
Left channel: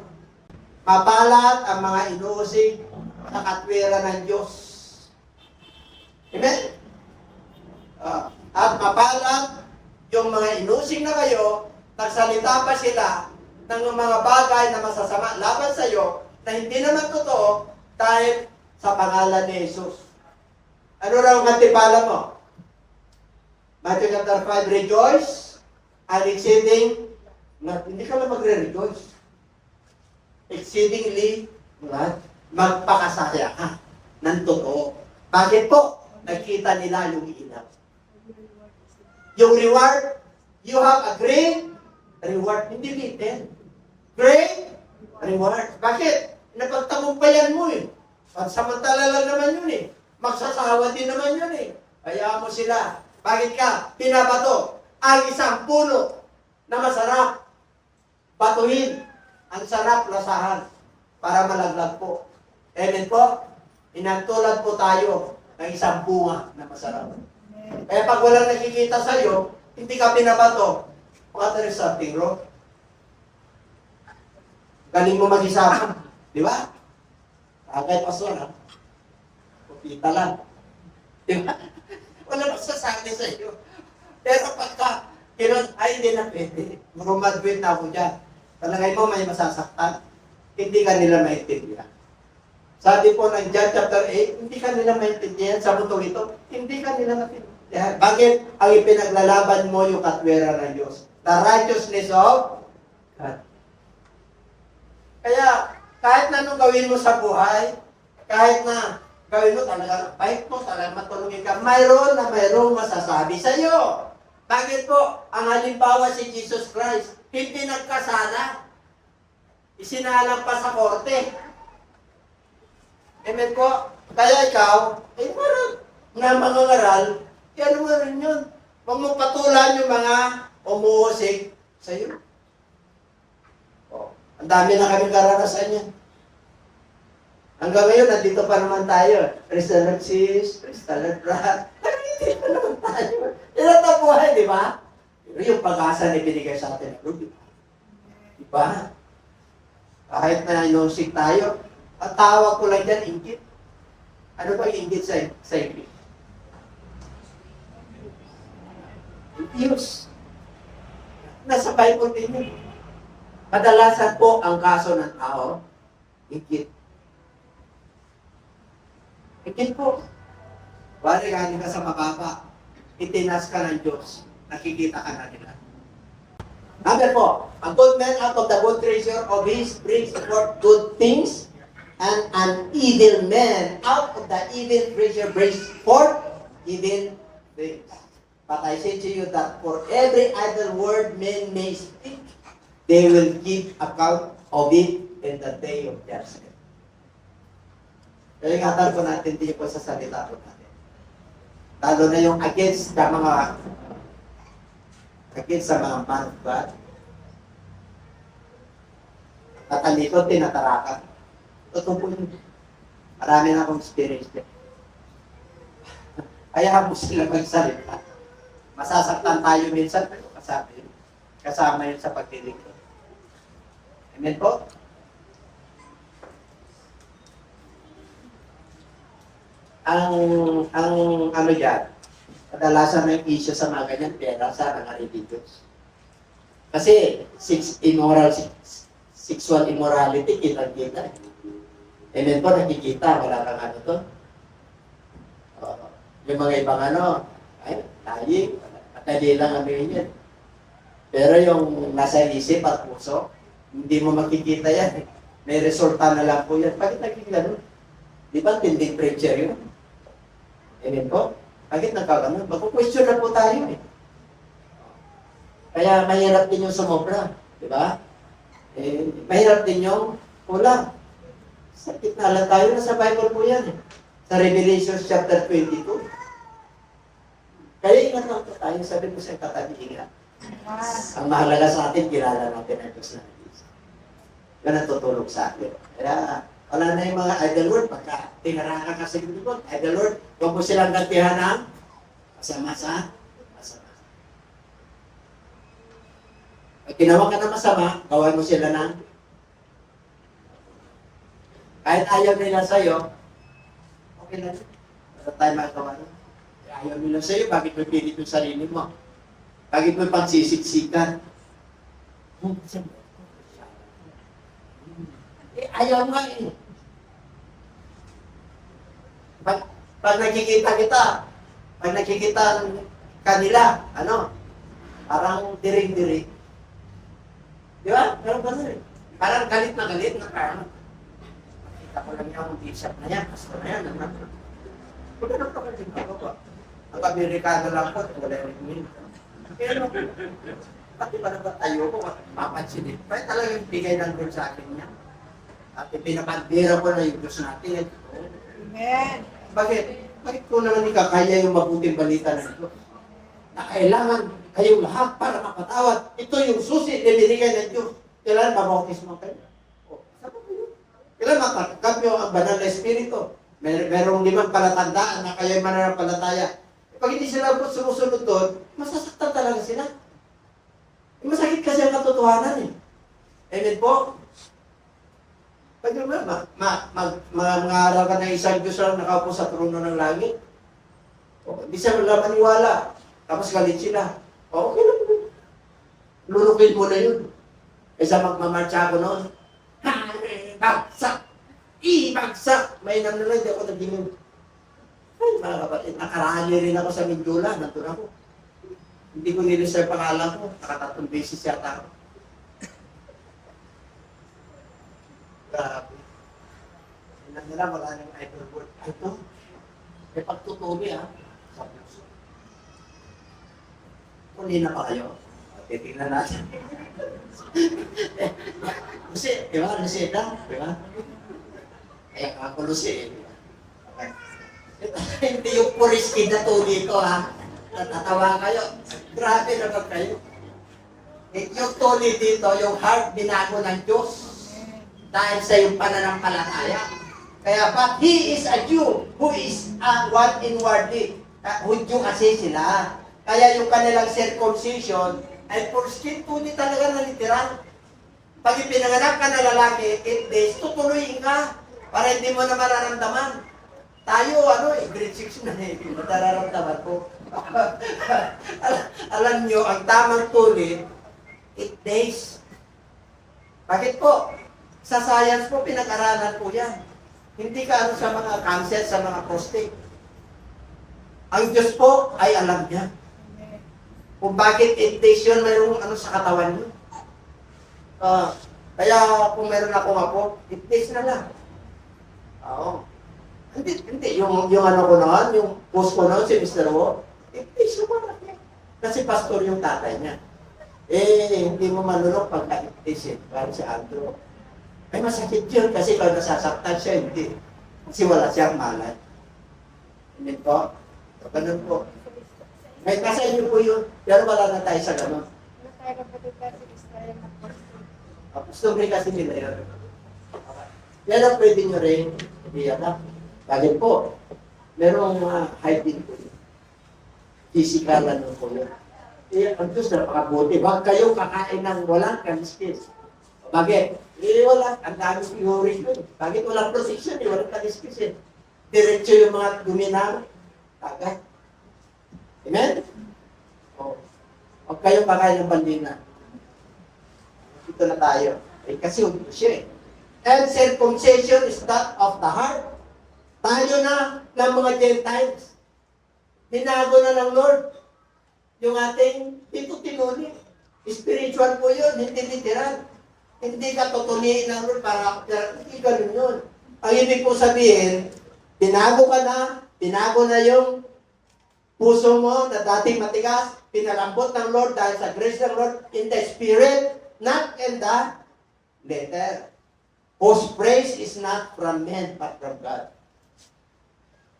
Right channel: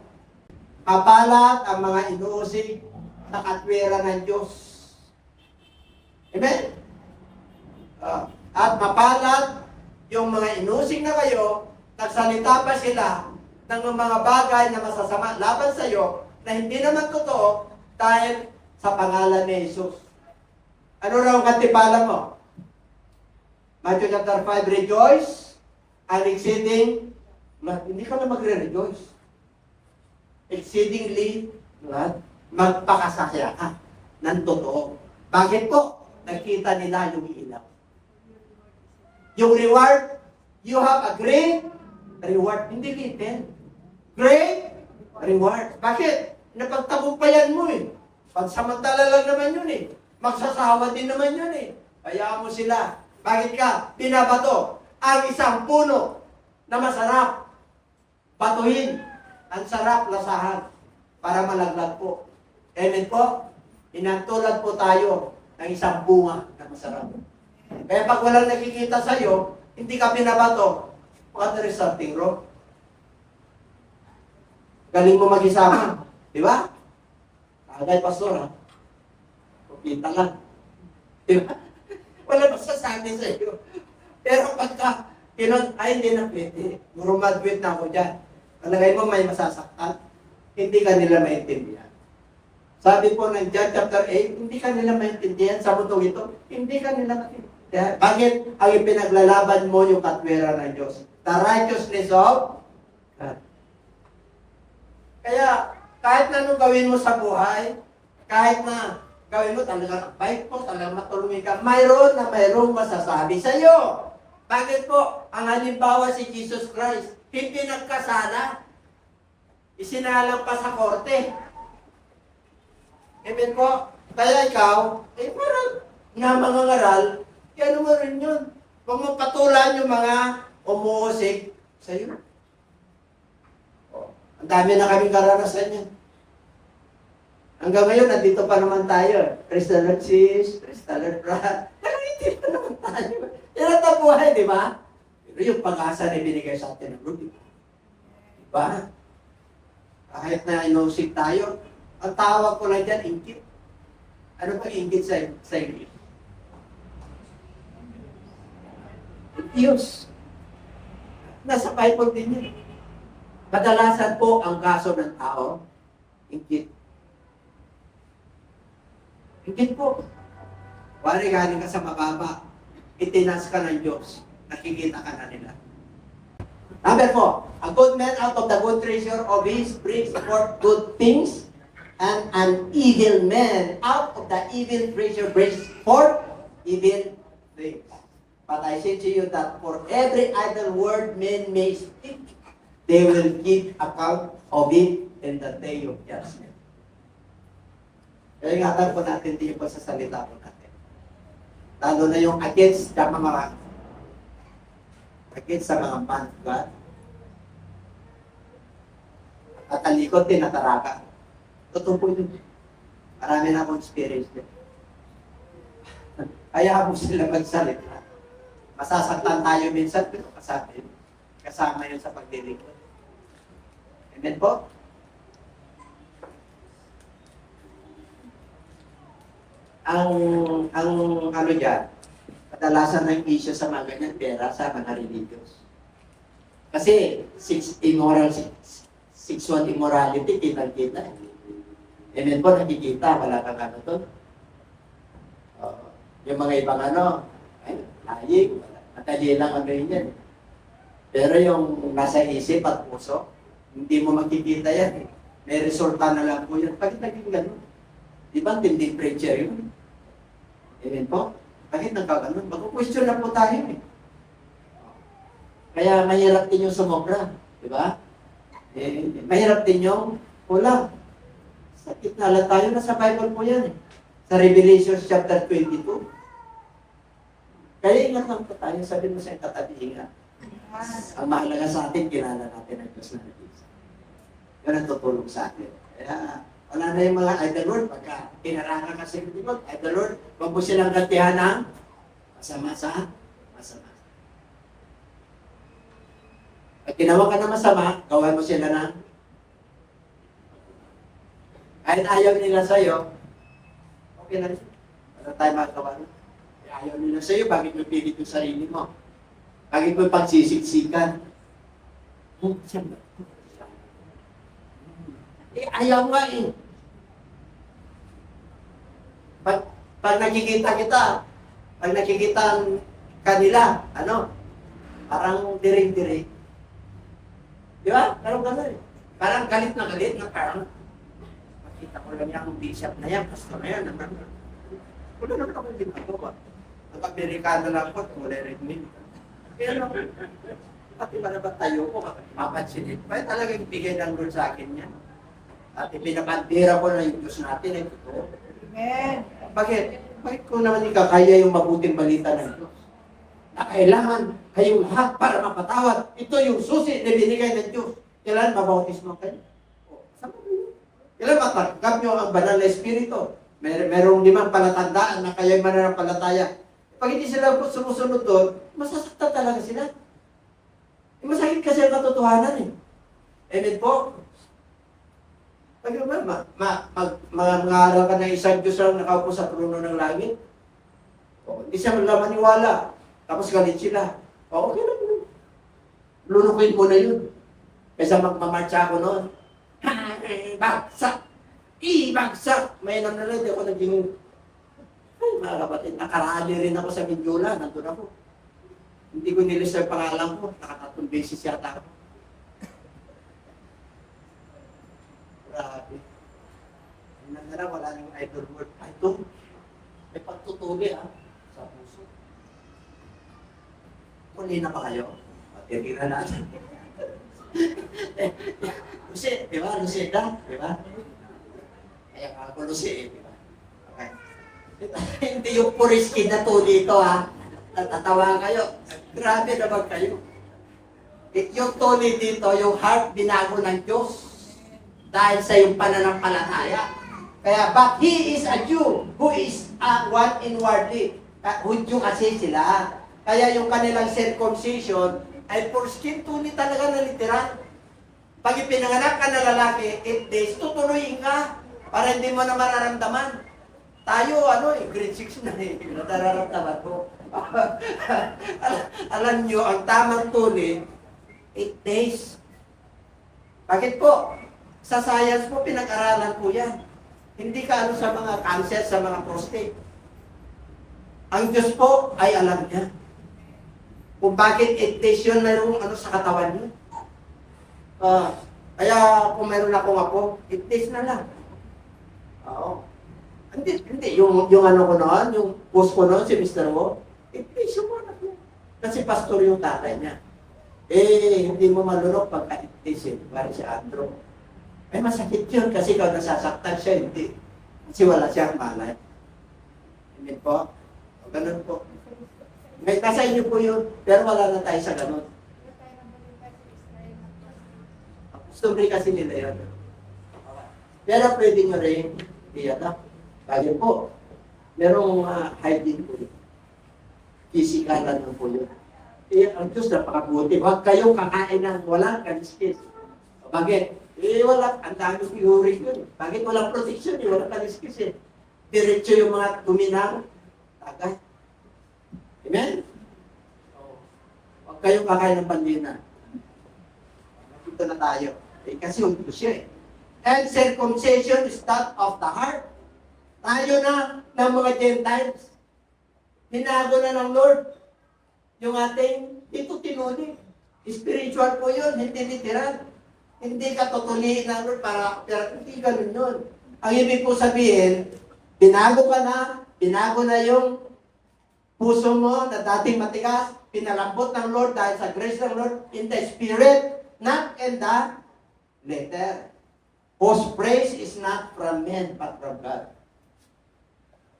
Mapalat ang mga inuusig na katwira ng Diyos. Amen? At mapalat yung mga inusig na kayo, nagsalita pa sila ng mga bagay na masasama laban sa iyo na hindi naman totoo dahil sa pangalan ni Jesus. Ano raw ang kantipala mo? Matthew chapter 5, rejoice and exceeding, hindi ka lang magre-rejoice. Exceedingly, magpakasaya ka ng totoo. Bakit po? Nakita nila yung ilaw. Yung reward, you have a great reward. Hindi little. Great reward. Bakit? Napagtagumpayan mo eh. Pagsamantala lang naman yun eh. Magsasawa din naman yun eh. Hayaan mo sila. Bakit ka? Pinabato ang isang puno na masarap. Batuhin. Ang sarap lasahan para malaglag po. Amen po? Inantulad po tayo ng isang bunga na masarap. Kaya pag walang nakikita sa iyo, hindi ka pinabato. What there is something wrong? Galing mo mag-isama. Di ba? Agay, pastor, ha? Kita lang. Di ba? Wala masasabi sa iyo. Pero pagka, ay, hindi na pwede. Grumaduate na ako dyan. Palagay mo may masasaktan, hindi ka nila maintindihan. Sabi po ng John chapter 8, hindi ka nila maintindihan sa mundo ito, hindi ka nila maintindihan. Bakit? Ang ipinaglalaban mo yung katwera ng Diyos. The righteousness of God. Kaya, kahit na anong gawin mo sa buhay, kahit na gawin mo talagang bait mo, talagang matulungin ka, mayroong masasabi sa iyo. Bakit po? Ang halimbawa si Jesus Christ, hindi nagkasala. Isinalang pa sa korte. Amen po? Kaya ikaw, parang na mangangaral, yan mo rin yun. Huwag mo patulan yung mga umuusik sa'yo. Ang dami na kaming karanasan yan. Hanggang ngayon, nandito pa naman tayo. Praise the Lord, sis. Praise the Lord, brad. Pero hindi pa naman tayo. Yan ang buhay, di ba? Pero yung pag-asa na binigay sa atin ng Lord, di ba? Kahit na inosik tayo, ang tawag ko lang dyan, inggit. Ano ba yung inggit sa English? Envious. Nasa Bible din yun. Kadalasan po ang kaso ng tao, inggit. Inggit po. Wari galing ka sa mababa, itinas ka ng Diyos, nakikita ka na nila. Number 4, a good man out of the good treasure of his brings forth good things, and an evil man out of the evil treasure brings forth evil things. But I say to you that for every idle word men may speak, they will give account of it in the day of judgment. Kaya ingatan po natin din po sa salita po natin. Lalo na yung against sa mga man of God. At ang likod, tinatarakan. Totoo po yun. Marami na akong experience din. Kaya mo sila magsalita. Masasaktan tayo minsan, pero kasama yun sa pagdilingkod. Amen po? Ang ano dyan, kadalasan ng issue sa mga ganyan, pera sa mga religious. Kasi, sexual immorality, kitang-kita. Amen po, nakikita, wala kang ano to. Yung mga ibang ano, ay, lying, madali lang ano yun yan. Pero yung nasa isip at puso, hindi mo makikita yan. May resulta na lang po yan. Bakit naging gano'n? Di ba, tinding preacher yun? Amen po? Bakit nagkagano'n? Mag-question na po tayo eh. Kaya mahirap din yung sumobra. Di ba? Mahirap din yung ulam. Sakit na lang tayo. Nasa Bible po yan eh. Sa Revelation chapter 22. Kaya ingat lang po tayo. Sabi ko sa katabi, ingat. Ang mahalaga sa atin, kilala natin ang Diyos na Diyos. Yan ang tutulog sa atin. Kaya, wala na yung mga idol word. Pagka tinaraka ka sa Diyos, idol word, huwag mo silang gantihan ng masama sa masama. Pag ginawa ka na masama, gawan mo sila ng kahit ayaw nila sa'yo, okay lang. Wala tayo magagawa nun. Ayaw nila sa'yo, bakit mo pilit yung sarili mo? Bakit mo pagsisiksikan? Ayaw nga eh. Pag nakikita kita, pag nakikita kanila, ano, parang diring-diring. Di ba? Parang gano'n eh. Parang galit na parang makita ko lang yung bishop na yan, pastor na yan. Wala naman akong ginagawa. Ang Amerikano lang po, wala rin min. Kaya naman, pati ba naman tayo ko, papansin ito. Kaya talagang bigay ng Lord sa akin yan. At ipinapandira ko na yung Diyos natin. Amen. Bakit? Bakit kung naman ikakaya yung mabuting balita ng Diyos? Na kailangan kayong lahat para mapatawad. Ito yung susi na binigay ng Diyos. Kailangan mabautismo kayo. Saan ba yun? Kailangan matanggap nyo ang banal na espiritu. Merong 5 palatandaan na kayo mananampalataya. Pag hindi sila sumusunod doon, masasaktan talaga sila. Masakit kasi ang katotohanan eh. Amen po? Pag naman, mag-aaral ka ng isang Diyos lang nakaupo sa trono ng langit. Hindi siya maniwala. Tapos galit sila. Okay lang po. Lunukin ko na yun. Kaysa magmamarcha ako noon. Ha! Bagsak! Bagsak! May nang nalang, hindi ako naging... Ay, mga kapatid, nakarali rin ako sa Mindula. Nandun ako. Hindi ko nilis sa pangalan ko. Nakatatlong beses yata ako. Grabe. Tingnan nila, wala nang idol word. Ito, may pagtutuloy sa puso. Kunin na pa kayo. Titinan natin. Kasi, di ba? Lucida, di ba? Kaya ako Lucida, di ba? Okay. Hindi yung puriskid na tuli ko, ha? Natatawa kayo. Grabe naman kayo. Yung tuli dito, yung heart binago ng Diyos dahil sa yung pananampalataya. Kaya, but He is a Jew who is one inwardly. Hudyo kasi sila. Kaya yung kanilang circumcision ay foreskin, tuli talaga na literal. Pag ipinanganak ka na lalaki, 8 days, tutuloy ka para hindi mo na mararamdaman. Tayo, grade 6 na nararamdaman ko. Alam nyo, ang tamang tuli, 8 days. Bakit po? Sa science po, pinag-aralan po yan. Hindi ka sa mga cancer, sa mga prostate. Ang Diyos po ay alam niya. Kung bakit 8 days yun, mayroong sa katawan nyo. Kaya kung meron akong apo, 8 days na lang. Oo. Hindi. Yung ko noon, yung post ko noon, si Mr. Wo, 8 days yung anak niya. Kasi pastor yung tatay niya. Hindi mo malunok pagka 8 days eh. Parang si Andrew. Ay, masakit yun kasi ikaw nasasaktan siya, hindi. Kasi wala siyang malay. Hindi po. So, ganun po. Ngayon, nasa inyo po yun, pero wala na tayo sa ganun. Customary kasi nila yun. Pero pwede nyo rin i-adapt. Kagin po, merong mga hygiene po yun. Physical po yun. Ang Diyos napakabuti. Huwag kayong kakain ng walang kaliskis. Bakit? Wala. Ang dami theory yun. Bakit walang protection? Walang kaliskis eh. Diretso yung mga guminaw. Tagay. Amen? Huwag kayong kakain ng bandina. Ito na tayo. Kasi undo siya eh. And circumcision is that of the heart. Tayo na ng mga Gentiles. Binago na ng Lord yung ating dito tinuli. Spiritual po yun, hindi literal. Hindi ka tutuliin ng Lord para hindi ganun yun. Ang ibig po sabihin, binago na yung puso mo na dating matigas, pinalambot ng Lord dahil sa grace ng Lord in the Spirit, not in the letter. Whose praise is not from men, but from God.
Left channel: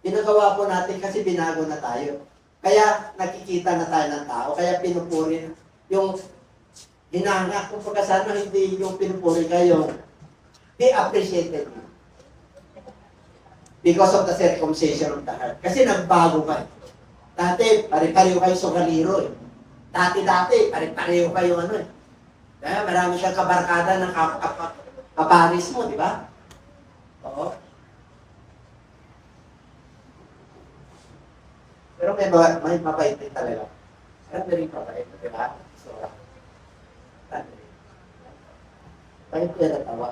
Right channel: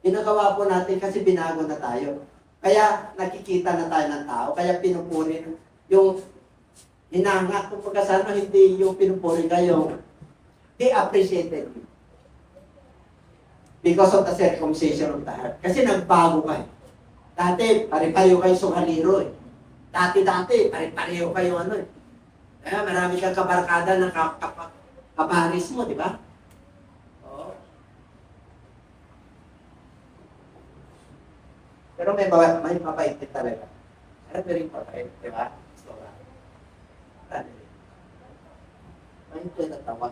Pinagawa po natin kasi binago na tayo. Kaya nakikita na tayo ng tao. Kaya pinupuri yung hinanga. Kung pagkasama, hindi yung pinupuri kayo. He appreciated you. Because of the circumcision of the heart. Kasi nagbago kayo. Dati, pare-pareho kayo sukaliro eh. Dati, pare-pareho kayo eh. Kaya marami kang kabarkada ng kaparis mo, di ba? Oo. Pero may mabait din talaga. Ano rin mabait, di ba? So, ano rin? Bakit ko yung natawa?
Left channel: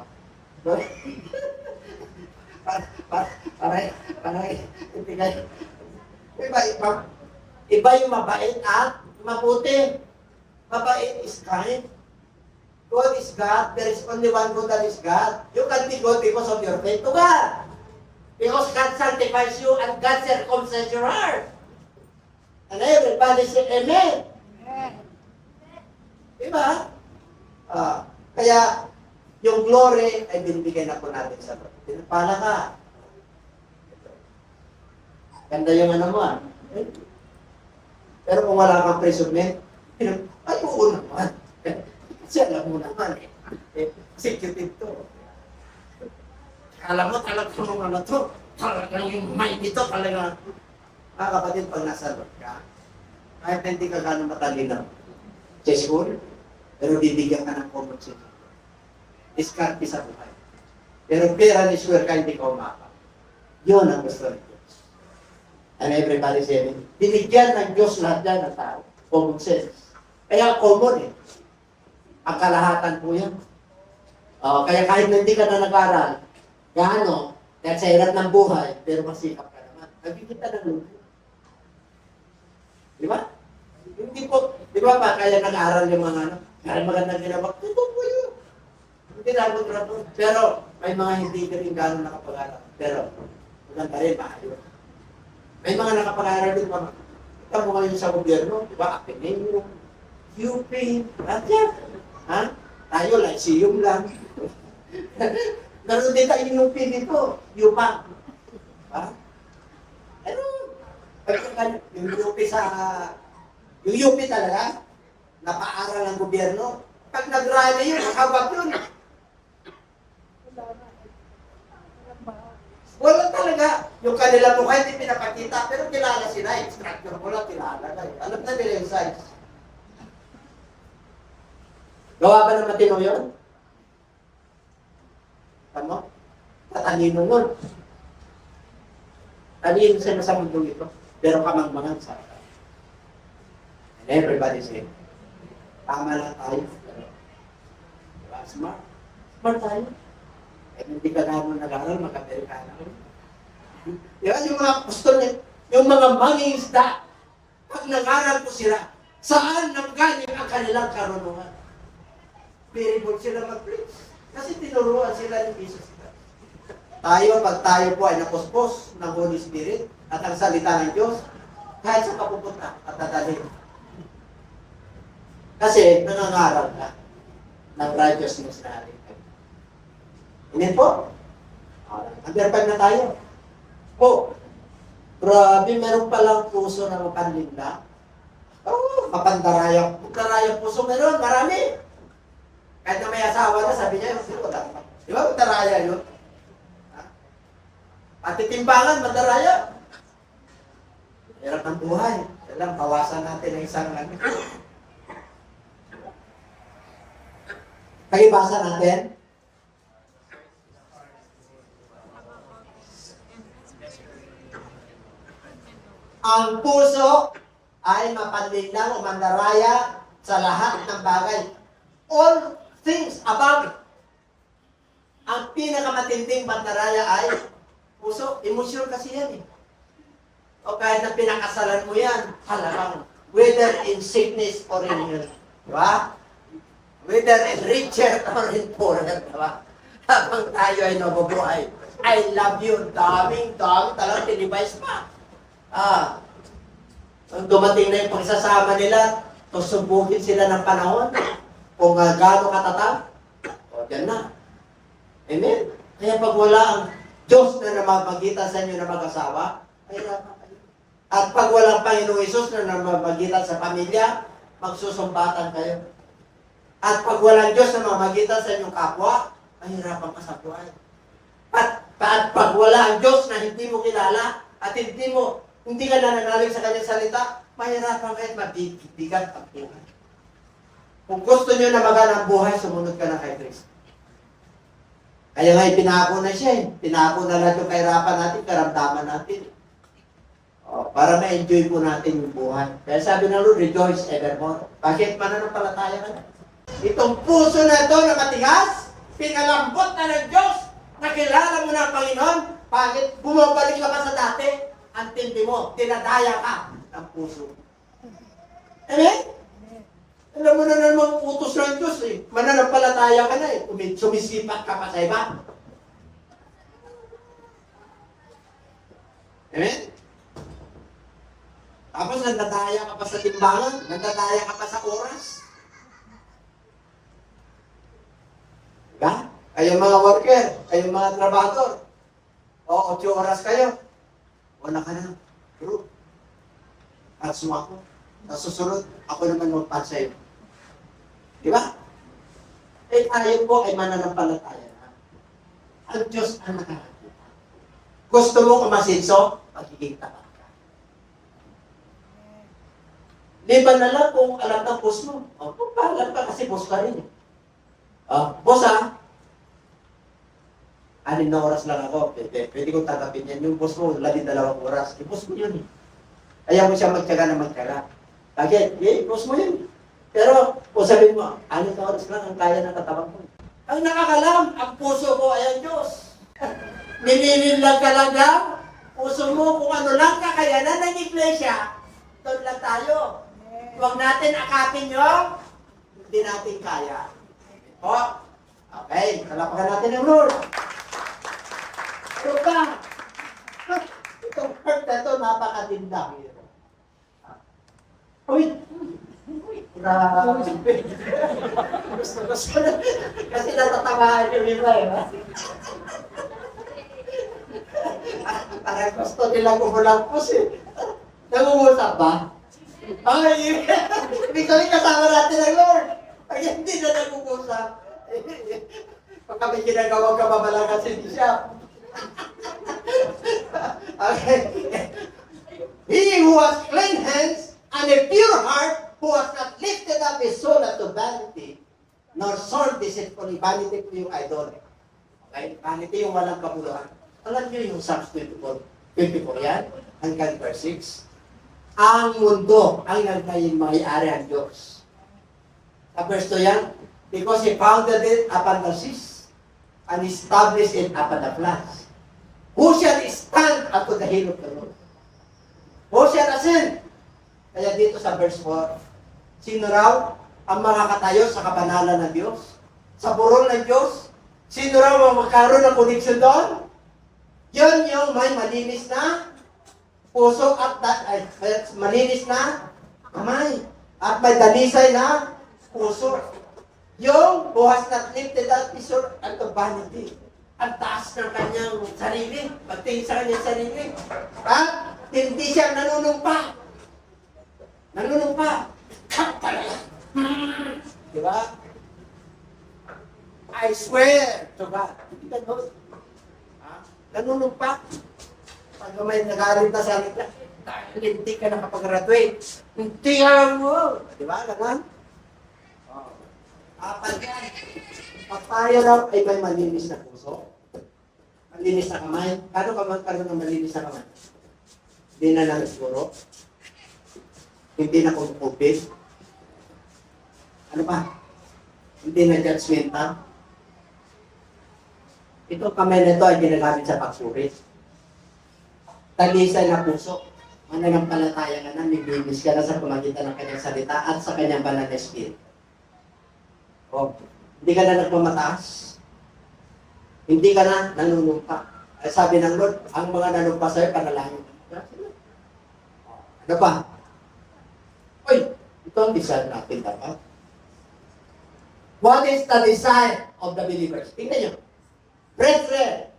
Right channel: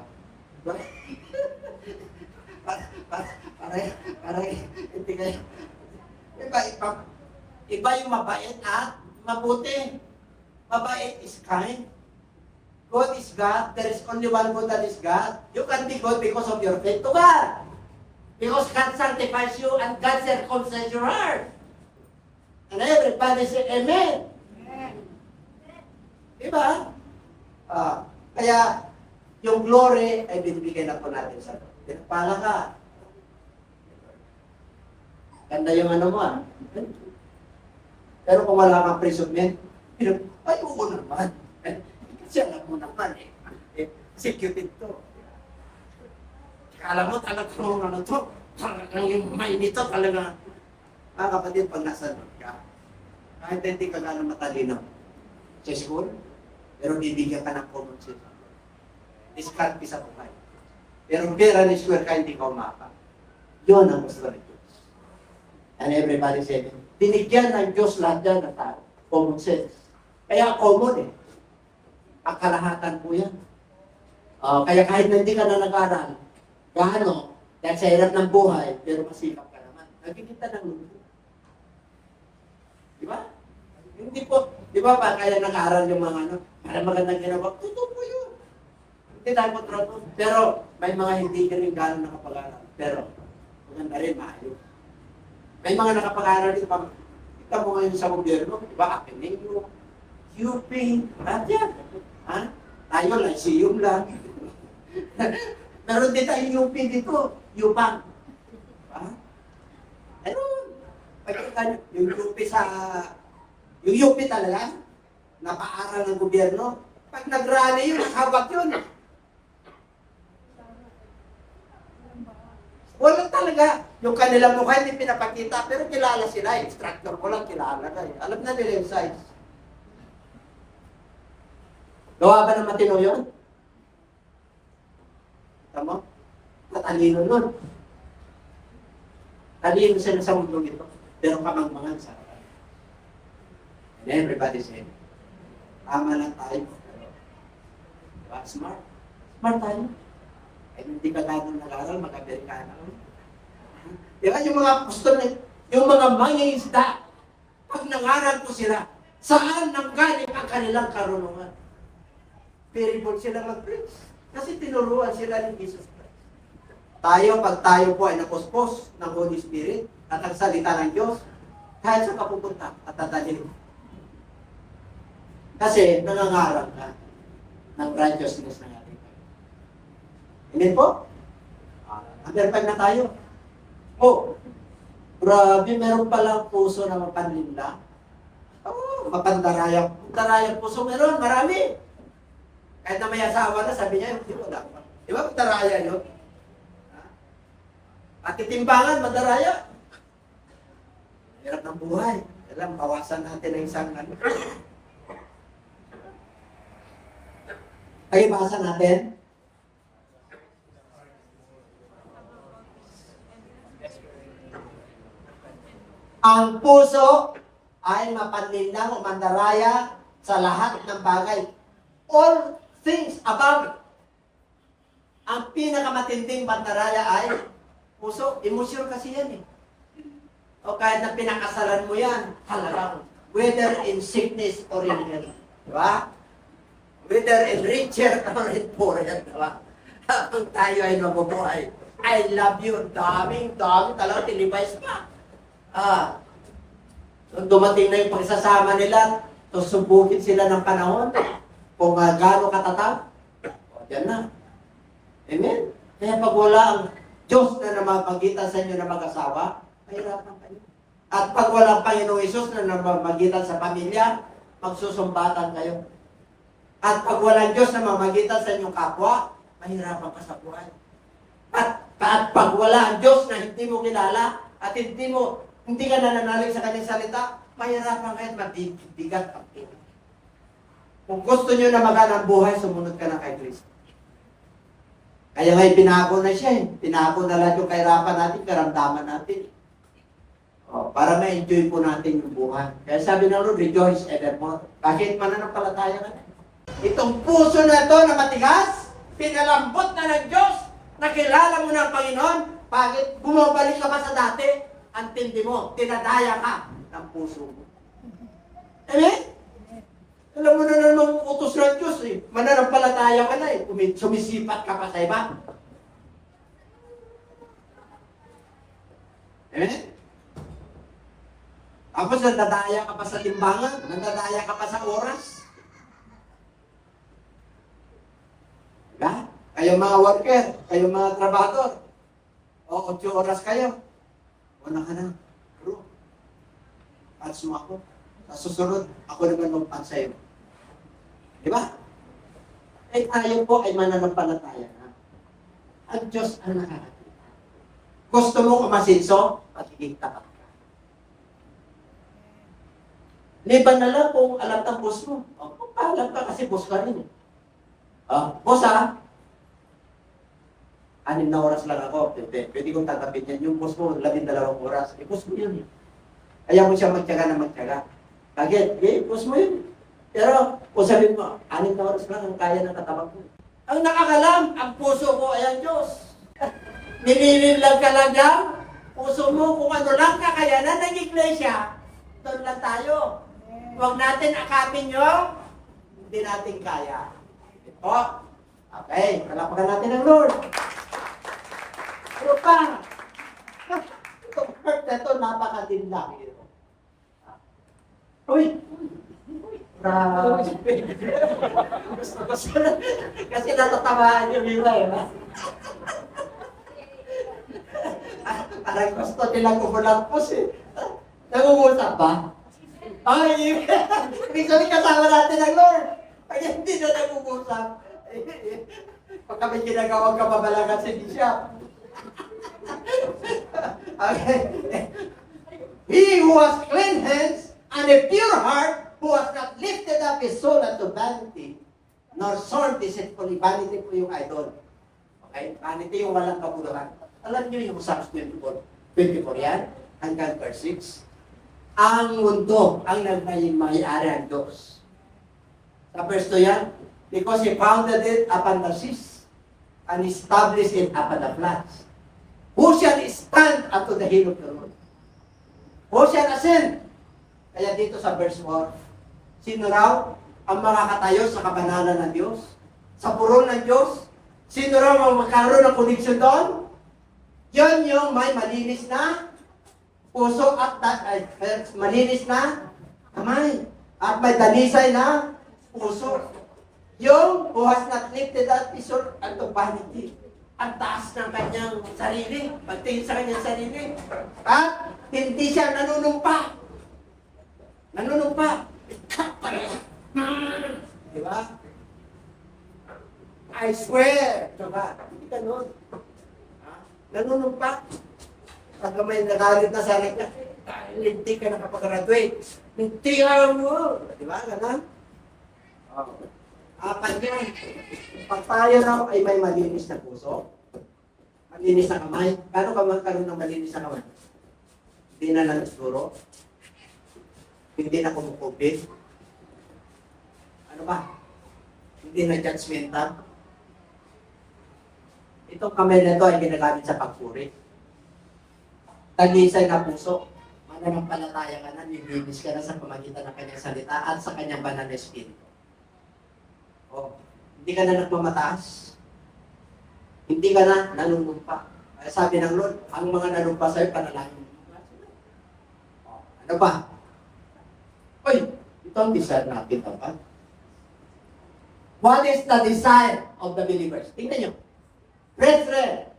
Parang hindi kayo. Iba yung mabait at mabuti. Mabait is kind. God is God. There is only one God, that is God. You can be God because of your faith to God. Because God sanctifies you and God circumcises your heart. And everybody say Amen. Diba? Kaya yung glory ay binibigay na po natin sa Lord. Pinapala ka. Ganda yung mo Pero kung wala kang presubmit, ay oo naman. Kasi alam mo naman executive to. Kala mo talagang to, talagang yung mind nito talaga. Mga kapatid, pag nasa Lord ka, kahit hindi ka gano'ng matalino sa school, pero bibigyan ka ng common sense. Diskarte sa buhay. Pero pera ni swear ka, hindi ka umapa. Yun ang gusto ng Diyos. And everybody say, binigyan ng Diyos lahat yan ng tao. Common sense. Kaya common eh. Ang kalahatan po yan. Kaya kahit hindi ka na nag-aral, gaano, dahil sa hirap ng buhay, pero masikap ka naman. Nagkikita ng luto. Di ba? Hindi po, di ba pa kaya nag-aral yung mga kaya magandang ginawa, totoo po yun. Hindi tayo kontrato. Pero may mga hindi rin gano'n nakapag-aral. Pero maganda rin, maayos. May mga nakapag-aral din pa. Kita mo ngayon sa gobyerno, di ba? Ateneo, UP, lahat yan. Ha? Tayo, Lyceum lang. Meron din tayo UP dito, UPAC. Ha? yung UP yung UP talaga, napaaral ng gobyerno. Pag nag-rally yun, hawak yun. Wala talaga. Yung kanila mukha hindi pinapakita, pero kilala sila. Instructor ko lang kilala na eh. Alam na nila yung size. Gawa ba ng matino yun? Tama? Tatalino nun. Talino sila sa mundo ito. Pero kamangmangan sa akin. And everybody say, tama lang tayo. Diba? Smart. Smart tayo. Ay hindi ka gano'n nag-aral, mag-Amerikana. Diba? Yung mga apostol, yung mga mangingisda, pag nangaral po sila, saan nanggaling ang kanilang karunungan? Very bold sila mag-preach. Kasi tinuruan sila ni Jesus Christ. Tayo, pag tayo po ay napuspos ng Holy Spirit at ang salita ng Diyos, kahit sa kapupunta at tatalhin. Kasi nangangarap ka ng righteousness na ating. Hindi po? Under 5 na tayo. Oh, grabe, meron palang puso na mapanlinda. Oh, mapandarayang. Mapandarayang puso meron, marami. Kahit na may asawa na, sabi niya, wala pa. Di ba, mapandaraya yun? Pati timbangan, madaraya. Hirap ng buhay. Alam, bawasan natin ang isang ano. Pag-ibasa natin. Ang puso ay mapanlinang o mandaraya sa lahat ng bagay. All things above. Ang pinakamatinding mandaraya ay puso. Emosyon kasi yan eh. O kahit na pinakasalan mo yan, halagang. Whether in sickness or in health. Diba? Whether in richer or in poorer. Diba? Habang tayo ay nabubuhay. I love you. Daming talaga tinibays pa. Dumating na yung pagsasama nila, susubugin sila ng panahon, kung gaano katatag, o dyan na. Amen? Kaya pag wala ang Diyos na namagitan sa inyo na mag-asawa, mahirapan kayo. At pag walang Panginoong Isus na namagitan sa pamilya, magsusumbatan kayo. At pag walang Diyos na mamagitan sa inyong kapwa, mahirapan ka sa buhay. At pag wala ang Diyos na hindi mo kilala, at hindi ka nananalig sa kanyang salita, mahirapan kayo at mabibigat ang buhay. Kung gusto nyo na magana ang buhay, sumunod ka ng kay Kristo. Kaya ngayon, pinako na siya eh. Pinako na lahat yung kahirapan natin, karamdaman natin. Para ma-enjoy po natin yung buhay. Kaya sabi ng Lord, rejoice evermore. Bakit mananampalataya ka na? Itong puso na ito na matigas, pinalambot na ng Diyos, nakilala mo na ang Panginoon, bakit bumabalik ka sa dati, ang tindi mo, tinadaya ka ng puso mo. Amen? Alam mo na naman utos ng Diyos eh. Mananampalataya ka na eh. Sumisipat ka pa sa iba. Amen? Tapos nandadaya ka pa sa timbangan, nandadaya ka pa sa oras. Diba? Kayong mga worker, kayong mga trabador, o 8 oras kayo, wala ka na. Pero, atso ako. Sa susunod, ako naman magpan sa'yo. Diba? Eh, tayo po ay mananampalataya na. Ang Diyos ang nakakita. Gusto mo kumasinso? Pagiging tapat ka. Liban na lang kung alam ka boss mo. O, kung alam ka kasi boss ka rin. Boss ha? 6 na oras lang ako. Pwede kong tatapin yan. Yung boss mo, 12 oras. Eh, boss mo yun eh. Ayaw mo siya magtyaga na magtyaga. Again, boss mo yun. Pero, kung sabihin mo, 6 na oras lang ang kaya ng katabang mo. Ang nakakalam, ang puso mo ay ang Diyos. Nililin lang ka lang yan. Puso mo, kung ano lang kakayanan ng iglesia, doon lang tayo. Huwag natin akapin yung hindi natin kaya. O, okay, palapakan natin ang Lord. Pero pa, itong hurt na ito, napakatinda. Uy! Grabe. Gusto na. Kasi natatabahan yung nila eh. Parang gusto nilang umulagpos eh. nag-uusap ba? Ay, ibig sabihin kasama natin ang Lord. Pag hindi na nag-uusap, pag kami ginagawang kababalagan si Bishop. Okay. He who has clean hands and a pure heart, who has not lifted up his soul unto vanity, nor sworn deceitfully. Vanity po yung idol. Okay? Vanity yung walang kabuluhan. Alam niyo yung Psalms 24 yan, hanggang verse 6. Ang mundo ang nagmay-ari ang Diyos. Sa verse 2 yan, because He founded it upon the seas and established it upon the floods. Who shall stand unto the hill of the Lord? Who shall ascend? Kaya dito sa verse 4, sino raw ang makakatayo sa kabanalan ng Diyos? Sa burol ng Diyos? Sino raw ang magkaroon ng koneksyon doon? Yan yung may malinis na puso at malinis na kamay. At may dalisay na puso. Yung who has not lifted up his soul unto vanity. Ang taas ng kanyang sarili. Pagtingin sa kanyang sarili. At hindi siya nanunumpa. Nanunumpa. Cut talaga. Diba? I swear to God. Hindi ka nun. Nanunumpa. Pag may nagalit na sa akin, dahil hindi ka nakapag-graduate. Hindi ka mo. Diba? Ganun? Apat yan. Pag tayo raw ay may malinis na puso, malinis na kamay. Paano ka magkaroon ng malinis na kamay? Hindi na nagsiguro. Hindi na kumupupin. Ano pa? Hindi na judgmental. Itong kamay na ito ay ginagamit sa pagpuri. Taglisay na puso. Mananampalataya ka na, naglinis ka na sa pamagitan ng kanyang salita at sa kanyang banal na spirit. O, hindi ka na nagmamataas. Hindi ka na nanunumpa. Sabi ng Lord, ang mga nanumpa sa'yo, panalangin. Ano pa? Oy, ito ang desire natin dapat. What is the desire of the believers? Tingnan nyo. Brethren,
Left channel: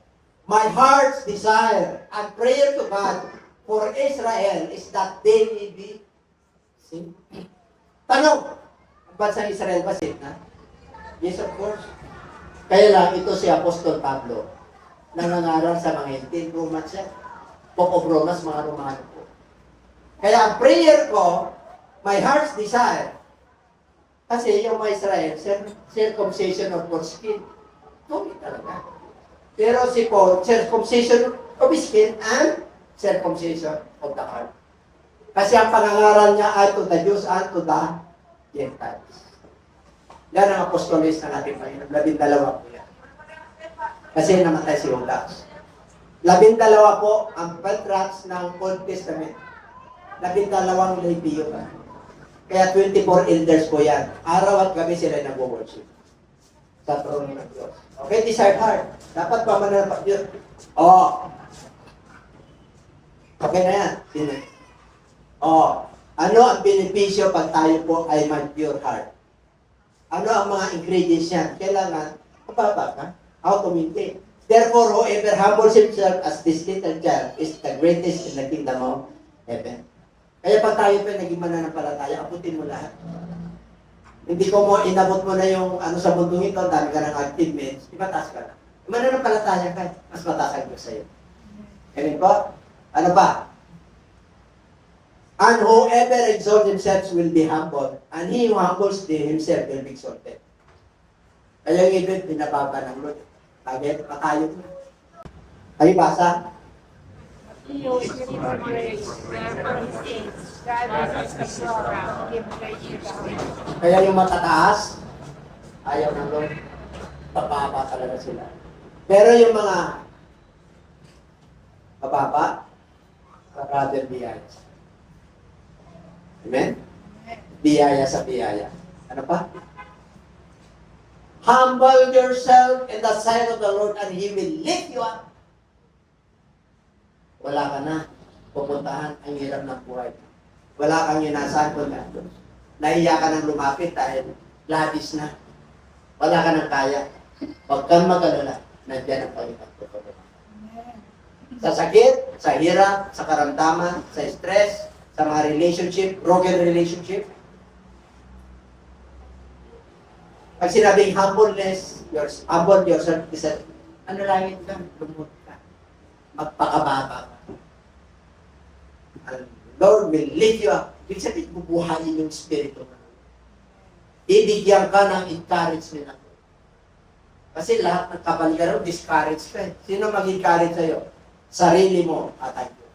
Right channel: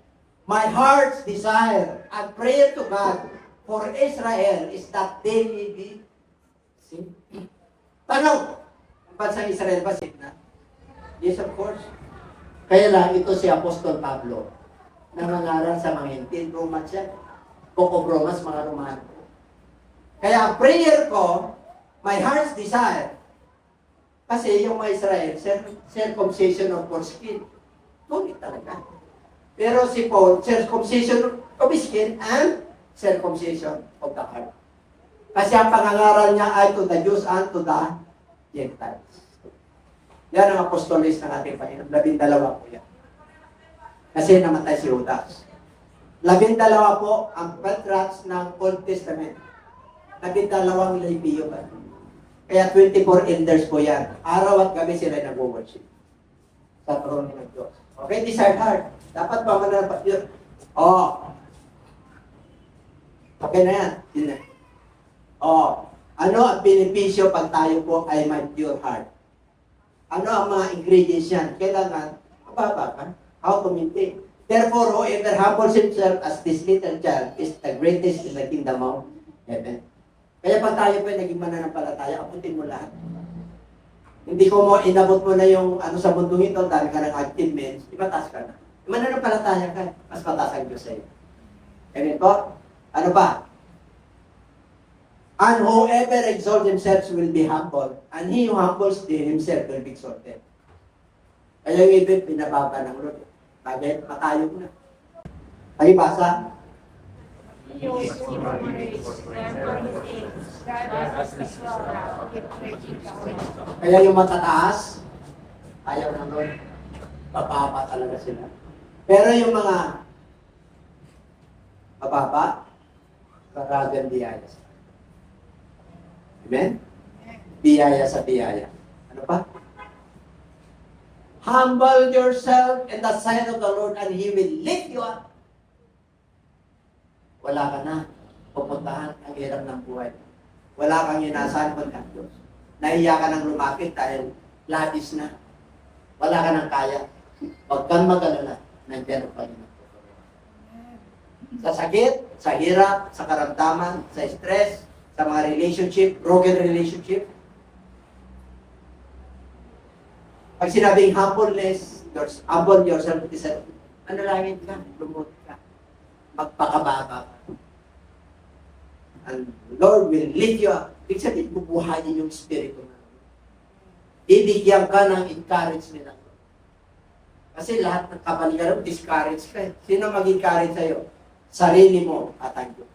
my heart's desire and prayer to God for Israel is that they may be saved. Tanong, ang bansang Israel ba saved na? Yes, of course. Kaya lang, ito si Apostol Pablo, nangangaral sa mga Hintil, Romans yan. Book of Romans, mga Romano po. Kaya ang prayer ko, my heart's desire, kasi yung mga Israel, circumcision of foreskin, tuloy talaga. Pero si Paul, circumcision of skin and circumcision of the heart. Kasi ang pangangaral niya ay to the Jews and to the Gentiles. Yan ang apostolis na natin Panginoon. 12 po yan. Kasi namatay si Judas. 12 po ang patriarchs ng Old Testament. 12 Leviyo ba? Kaya 24 elders po yan. Araw at gabi sila nag-worship sa throne ng Diyos. Okay, desired heart. Dapat pa mananapak yun. Oh. Okay na yan. Oh. Ano ang benepisyo pag tayo po ay mag-pure heart? Ano ang mga ingredients yan? Kailangan, mababa ka. How to maintain? Therefore, whoever humbles himself as this little child is the greatest in the kingdom of heaven. Kaya pag tayo pa naging mananampalataya, abutin mo lahat. Hindi ko mo, inabot mo na yung ano sa mundong ito, dami ka ng achievements, ipataas ka na. Mananampalataya ka, mas mataas ang Diyos sa'yo. Ganun po? Ano pa? And whoever exalts himself will be humbled, and he who humbles himself will be exalted. Kaya yung ibig, pinababa ng Lord. Bagay, patayog na. Ay, basa. Kaya yung matataas, ayaw ng Lord. Papaba talaga sila. Pero yung mga mababa, rather biyaya. Amen? Biyaya sa biyaya. Ano pa? Humble yourself in the sight of the Lord and He will lift you up. Wala ka na pupuntahan ang hirap ng buhay. Wala kang inasahan kundi ang Diyos. Nahiya ka nang lumapit dahil labis na. Wala ka nang kaya. Huwag kang mag-alala. Nandiyan ang Panginoon. Sa sakit, sa hirap, sa karamdaman, sa stress, sa mga relationship, broken relationship. Pag sinabing humbleness, humble yourself, ano lang yun ka? Lumot ka. Magpakababa ka. And Lord will lift you up. Ibig sabihin, bubuhayin yung spirito na. Bibigyan ka ng encouragement na. Kasi lahat ng kapangyarihan, discourage ka eh. Sino mag-encourage sa'yo? Sarili mo at ang Diyos.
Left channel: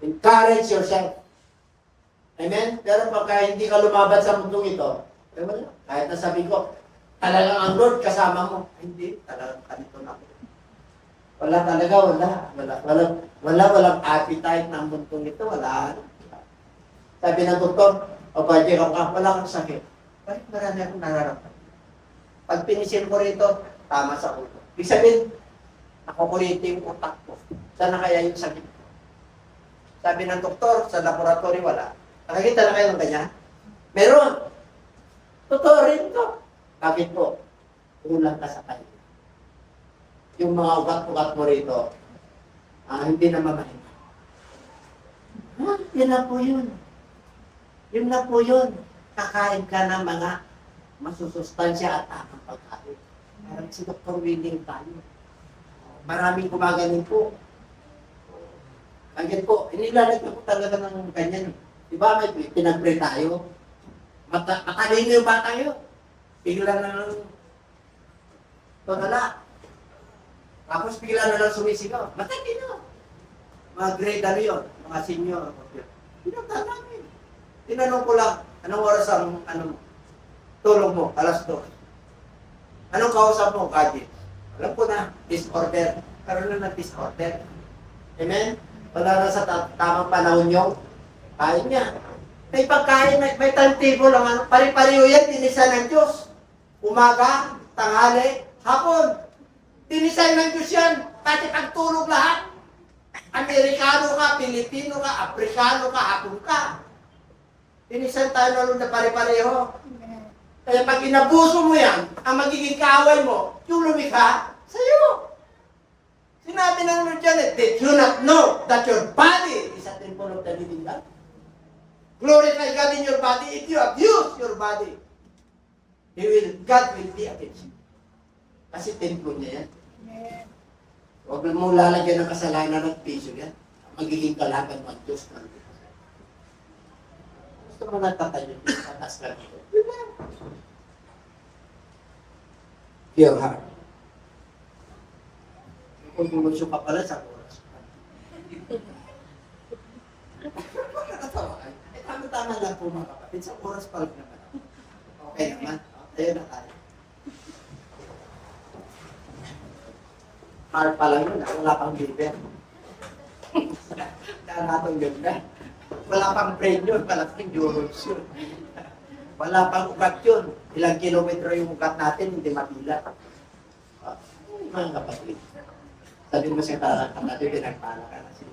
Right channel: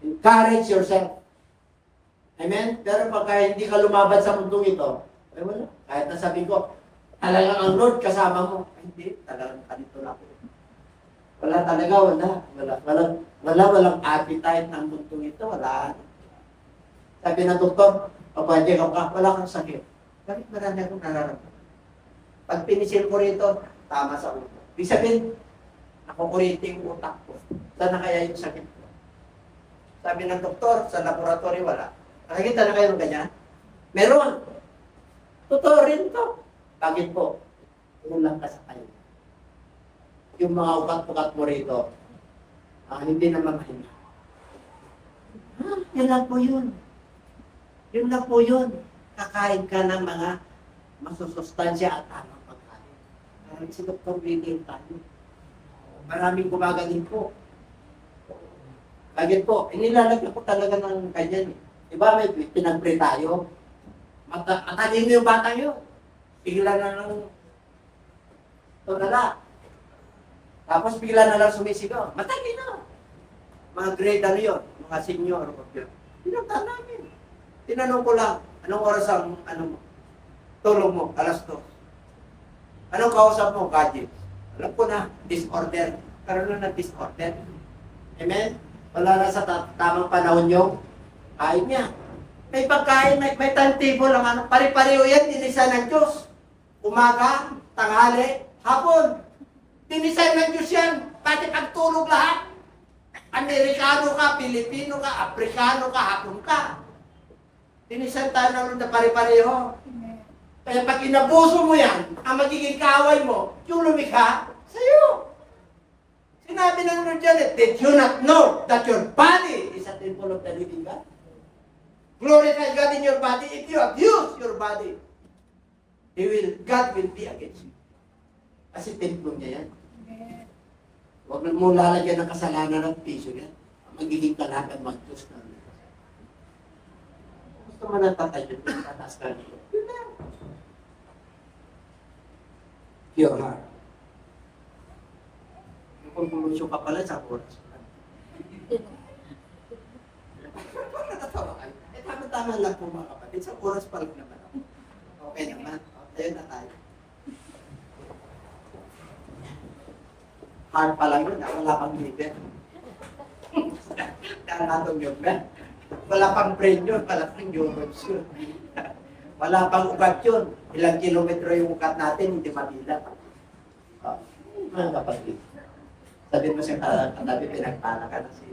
Encourage yourself. Amen? Pero pagka hindi ka lumaban sa mundong ito, ay wala. Kahit nasabi ko, talagang ang Lord kasama mo. Ay, hindi, talagang kanito na ako. Wala talaga, walang appetite ng mundong ito, wala. Sabi ng doktor, pwede ka pa, wala kang sakit. Bakit marami akong nararamdaman? Pag pinisil ko rito, tama sa ulo. Ibig sabihin, nakukuriti yung utak ko. Saan na kaya yung sakit ko? Sabi ng doktor, sa laboratory wala. Nakikita na kayo ng ganyan? Meron. Totoo rin to. Bakit po? Kulang ka sa kanila. Yung mga ugat-ugat mo rito, hindi na mamahinga. Yan lang po yun. Yun lang po yun. Kakain ka ng mga masusustansya at tamang pagkain. Parang si Dr. Winning tayo. Maraming gumagaling po. Bakit po? Inilalagay ko talaga ng ganyan. Diba may pinag-pray tayo? Matalino yung bata yun. Bigla na lang tulala. Tapos bigla na lang sumisigaw. Matalino. Mga grade ano yun? Mga senior. Pinunta namin. Tinanong ko lang, anong oras ang tulog mo? 2:00. Anong kausap mo? Gadget. Alam ko na, disorder. Karoon na disorder. Amen? Wala na sa tamang panahon yung kain niya. May pagkain, may timetable lang. Pari-pariho yan, dinisan ng Diyos. Umaga, tanghali, hapon. Dinisan ng Diyos yan. Pati pagtulog lahat. Amerikano ka, Pilipino ka, Afrikano ka, Hapon ka. Dinisan tayo na nun na pari-pareho. Kaya pag inabuso mo yan, ang magiging kaaway mo, yung lumikha, sa'yo. Sinabi ng Lord dyan did you not know that your body is a temple of the living God? Glorify God in your body. If you abuse your body, God will be against you. Kasi temple niya yan. Huwag na mo lalagyan ng kasalanan at piso yan. Magiging kalaban mo ang Diyos na. Gusto mo natatayo din sa taas ka dito. Pure heart. Kung bulusyo ka pala sa oras. Tama-tama lang po mga kapatid. Sa oras pa lang naman ako. Okay naman. Tayo na tayo. Hard pa lang yun. Wala pang liver. Wala pang yun. Wala pang brain yun. Wala pang neurons yun. Wala pang ugat yun. Ilang kilometro yung ugat natin, hindi mabila. Mga kapatid. Sabi mo sa katabi, pinagpala ka na si